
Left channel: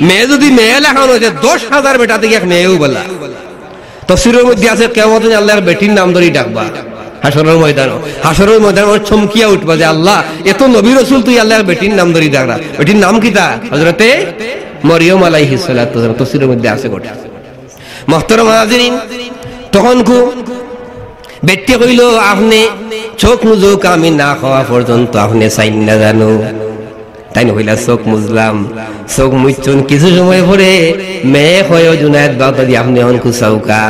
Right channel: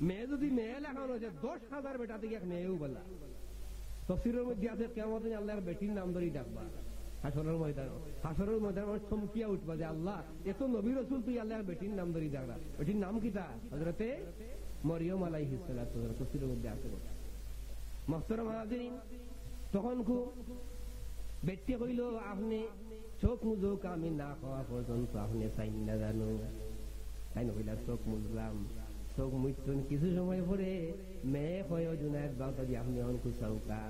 মেয়ে যদি মেয়ে লেখানো হয়েছে 10,000 বেটা থেকে এক মেয়েও বলা। তফসিরের মধ্যে আছে কিয়ামত আল্লাহর বেটির নাম ধরেই ডাকবা হাসরের ময়দানে, হাসরের ময়দানে চমকিয়া উঠবা যে আল্লাহ এত নবী রাসূল তুই আল্লাহর বেটির নাম ধরেই ডাকরা। বেটির নাম কি? তা হযরতে মরিয়ম আলাইহিস সালাতু ওয়াস সালাম। তফসিরের মধ্যে আছে গোটা। মুহতারাম হাজিরিন, তখন কো বেটি কইল, আপনি চোখ মুজুক, আমি না খাওয়া পর্যন্ত আপনি চাইন না জানো। তাই হইলা চোখ মুজলাম, চোখ মুচুন, কিছু সময় পরে মেয়ে হয় জুনায়েদ বাগদাদী, আপনি অনকু চৌকা।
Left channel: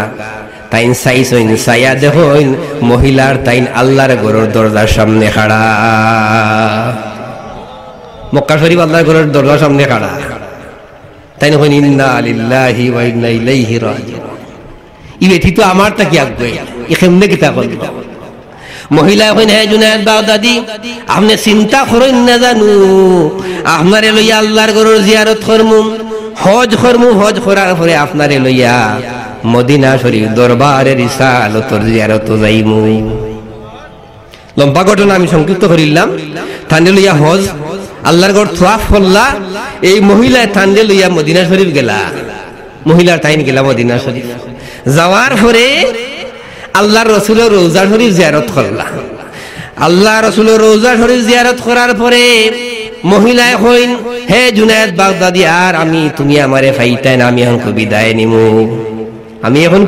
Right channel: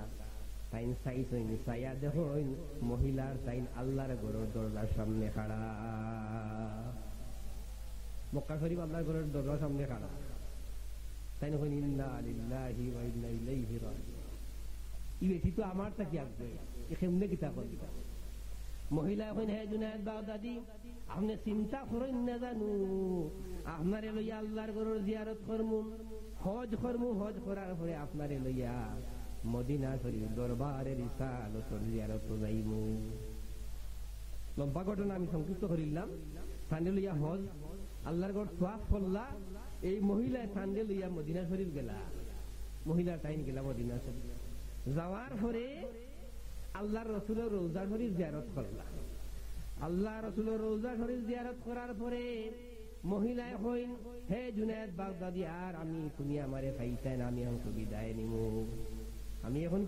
তাইন চাইছেন, চাইয়া দেখুন মহিলার তাইন আল্লাহর ঘরের দরজার সামনে খাড়া, মক্কা শরীফ আল্লাহর ঘরের দরজার সামনে খাড়া। তাই হইন ইন্না লিল্লাহি ওয়া ইন্না ইলাইহি রাজিউন। ই বেটি তো আমার তাকি আগবে, ই কেমনে কিতা করল? মহিলা হইন, হে জুনায়েদ বাগদাদী, আপনি চিন্তা করেন না জানো, আপনারে লইয়া আল্লাহর ঘরের জিয়ারত করমু, হজ করমু, হজ করার পরে আপনারে লইয়া মদিনা শরীফ দরবারে রিসালতর জিয়ারত যাইমু। লম্বা ঘটনা আমি সংক্ষিপ্ত করিলাম। তান্ডে লইয়া হজ আল্লাহর ঘর তোয়াফ করলা, এই মহিলা তান্ডে লইয়া মদিনা শরীফ গেলা, মহিলার তাইন গেলা মদিনা শরীফ। যাওয়ার পরে আল্লাহর রাসূলের রওজা শরীফ জিয়ারত করলা। আল্লাহ রাসূলের রওজা শরীফ জিয়ারত করার পরে মহিলায় কইন, হে জুনায়েদ বাগদাদী, আর আমি তুমি আমারে ফাইতাই না, আমি এখন বিদায় নিমু, আমি এখন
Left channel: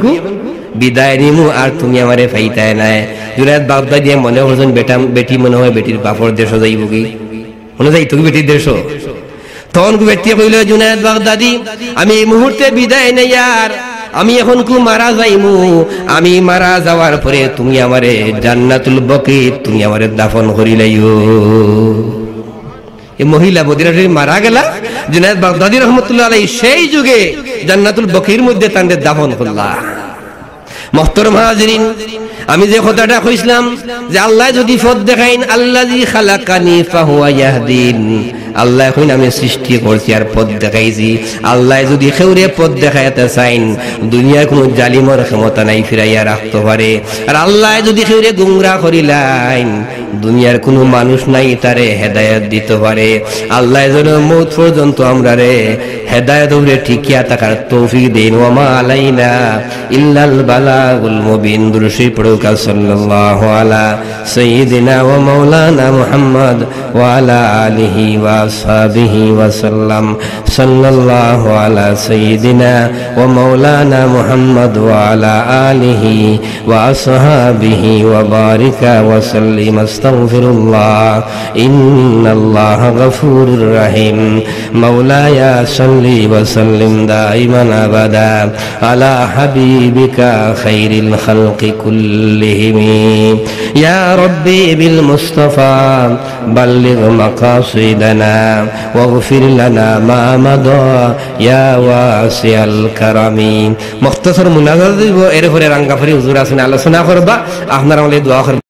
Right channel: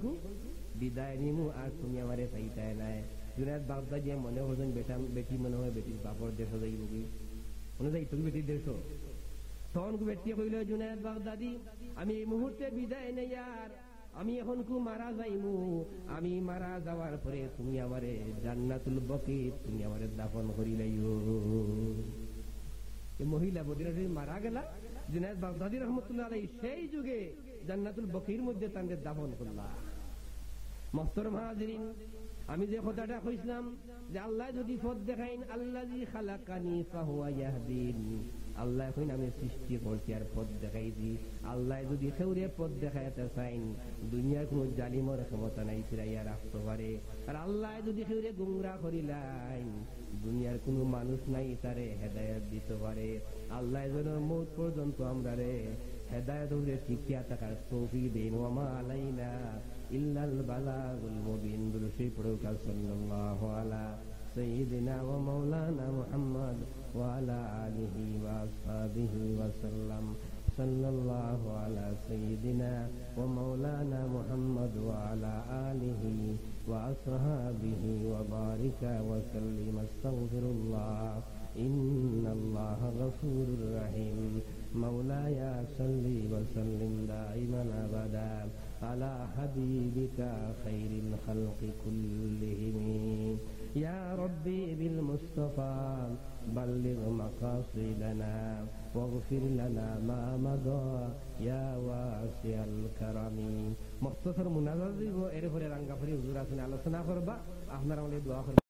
বিদায় নিমু, আর তুমি আমারে ফাইতাই নাই। জুনায়েদ বাগদাদী মনে করছেন বেটা বেটি মনে হয় বেটির বাপর দেশ যাইব কি, মনে যাই তুমি বেটির দেশ। তখন বেটি কইল, জুনায়েদ বাগদাদী, আমি এই মুহূর্তে বিদায় নেই, আর আমি এখন মারা যাইমু, আমি মারা যাওয়ার পরে তুমি আমারে জান্নাতুল বকী তুমি আমারে দাফন করিলাইও। এই মহিলা মদিনা শরীফ মারা গেলা, জুনায়েদ বাগদাদী রহমাতুল্লাহ আলাইহি সেই যুগে জান্নাতুল বকীর মধ্যে তান্ডে দাফন করলা। মুহতারাম হাজিরিন, আমি যে কথাটা কইছিলাম যে আল্লাহ যদি পথ দেখাইন, আল্লাযী খালাকানি ফাহুয়া ইয়াহদিন, আল্লাহ কইন আমি সৃষ্টি করছি আর পথ দেখাইছি। আল্লাহ যদি কেউরে পথ দেখাইতে চাইন, দুনিয়ার কোনো জালিমের ক্ষমতা নাই ফিরাইয়া রাখতে পারে। আর আল্লাহ যদি কেউরে গুমরাহ করিলাইন, দুনিয়ার কোনো মানুষ নাই তারে হেদায়েত দিতে পারে। আল্লাহ যেন মওত পর্যন্ত আমরারে হেদায়েত উপরে টিকিয়া থাকার তৌফিক দেন। ওয়া মা আলাইনা ইল্লাল বালাগুল মুবিন। দুরূদ পড়ুকা সাল্লাল্লাহু আলা সাইয়্যিদিনা ওয়া মাওলানা মুহাম্মদ ওয়া আলা আলিহি ওয়া আসহাবিহি ওয়া সাল্লাম। সাল্লাল্লাহু আলা সাইয়্যিদিনা ওয়া মাওলানা মুহাম্মদ ওয়া আলা আলিহি ওয়া আসহাবিহি ওয়া বারিকা ওয়া সাল্লিম। আস্তাগফিরুল্লাহ, ইন্নাল্লাহা গফুরুর রহিম। মাওলায়া সাল্লি ওয়া সাল্লিম দাইমান আবাদা আলা হাবিবিকা খাইরিল খালকি কুল্লিহিম। ইয়া রব্বি বিল মুস্তাফা বাল্লিগ মাকাসিদানা ওয়াগফির লানা মা মাদা ইয়া ওয়াসিআল কারামি। মুখতাসার মুনাজাত দিব, এরপরে রাঙ্গাফারি হুজুর আছেন আলোচনা করবা, আপনারা আমাদের দোয়া করবেন।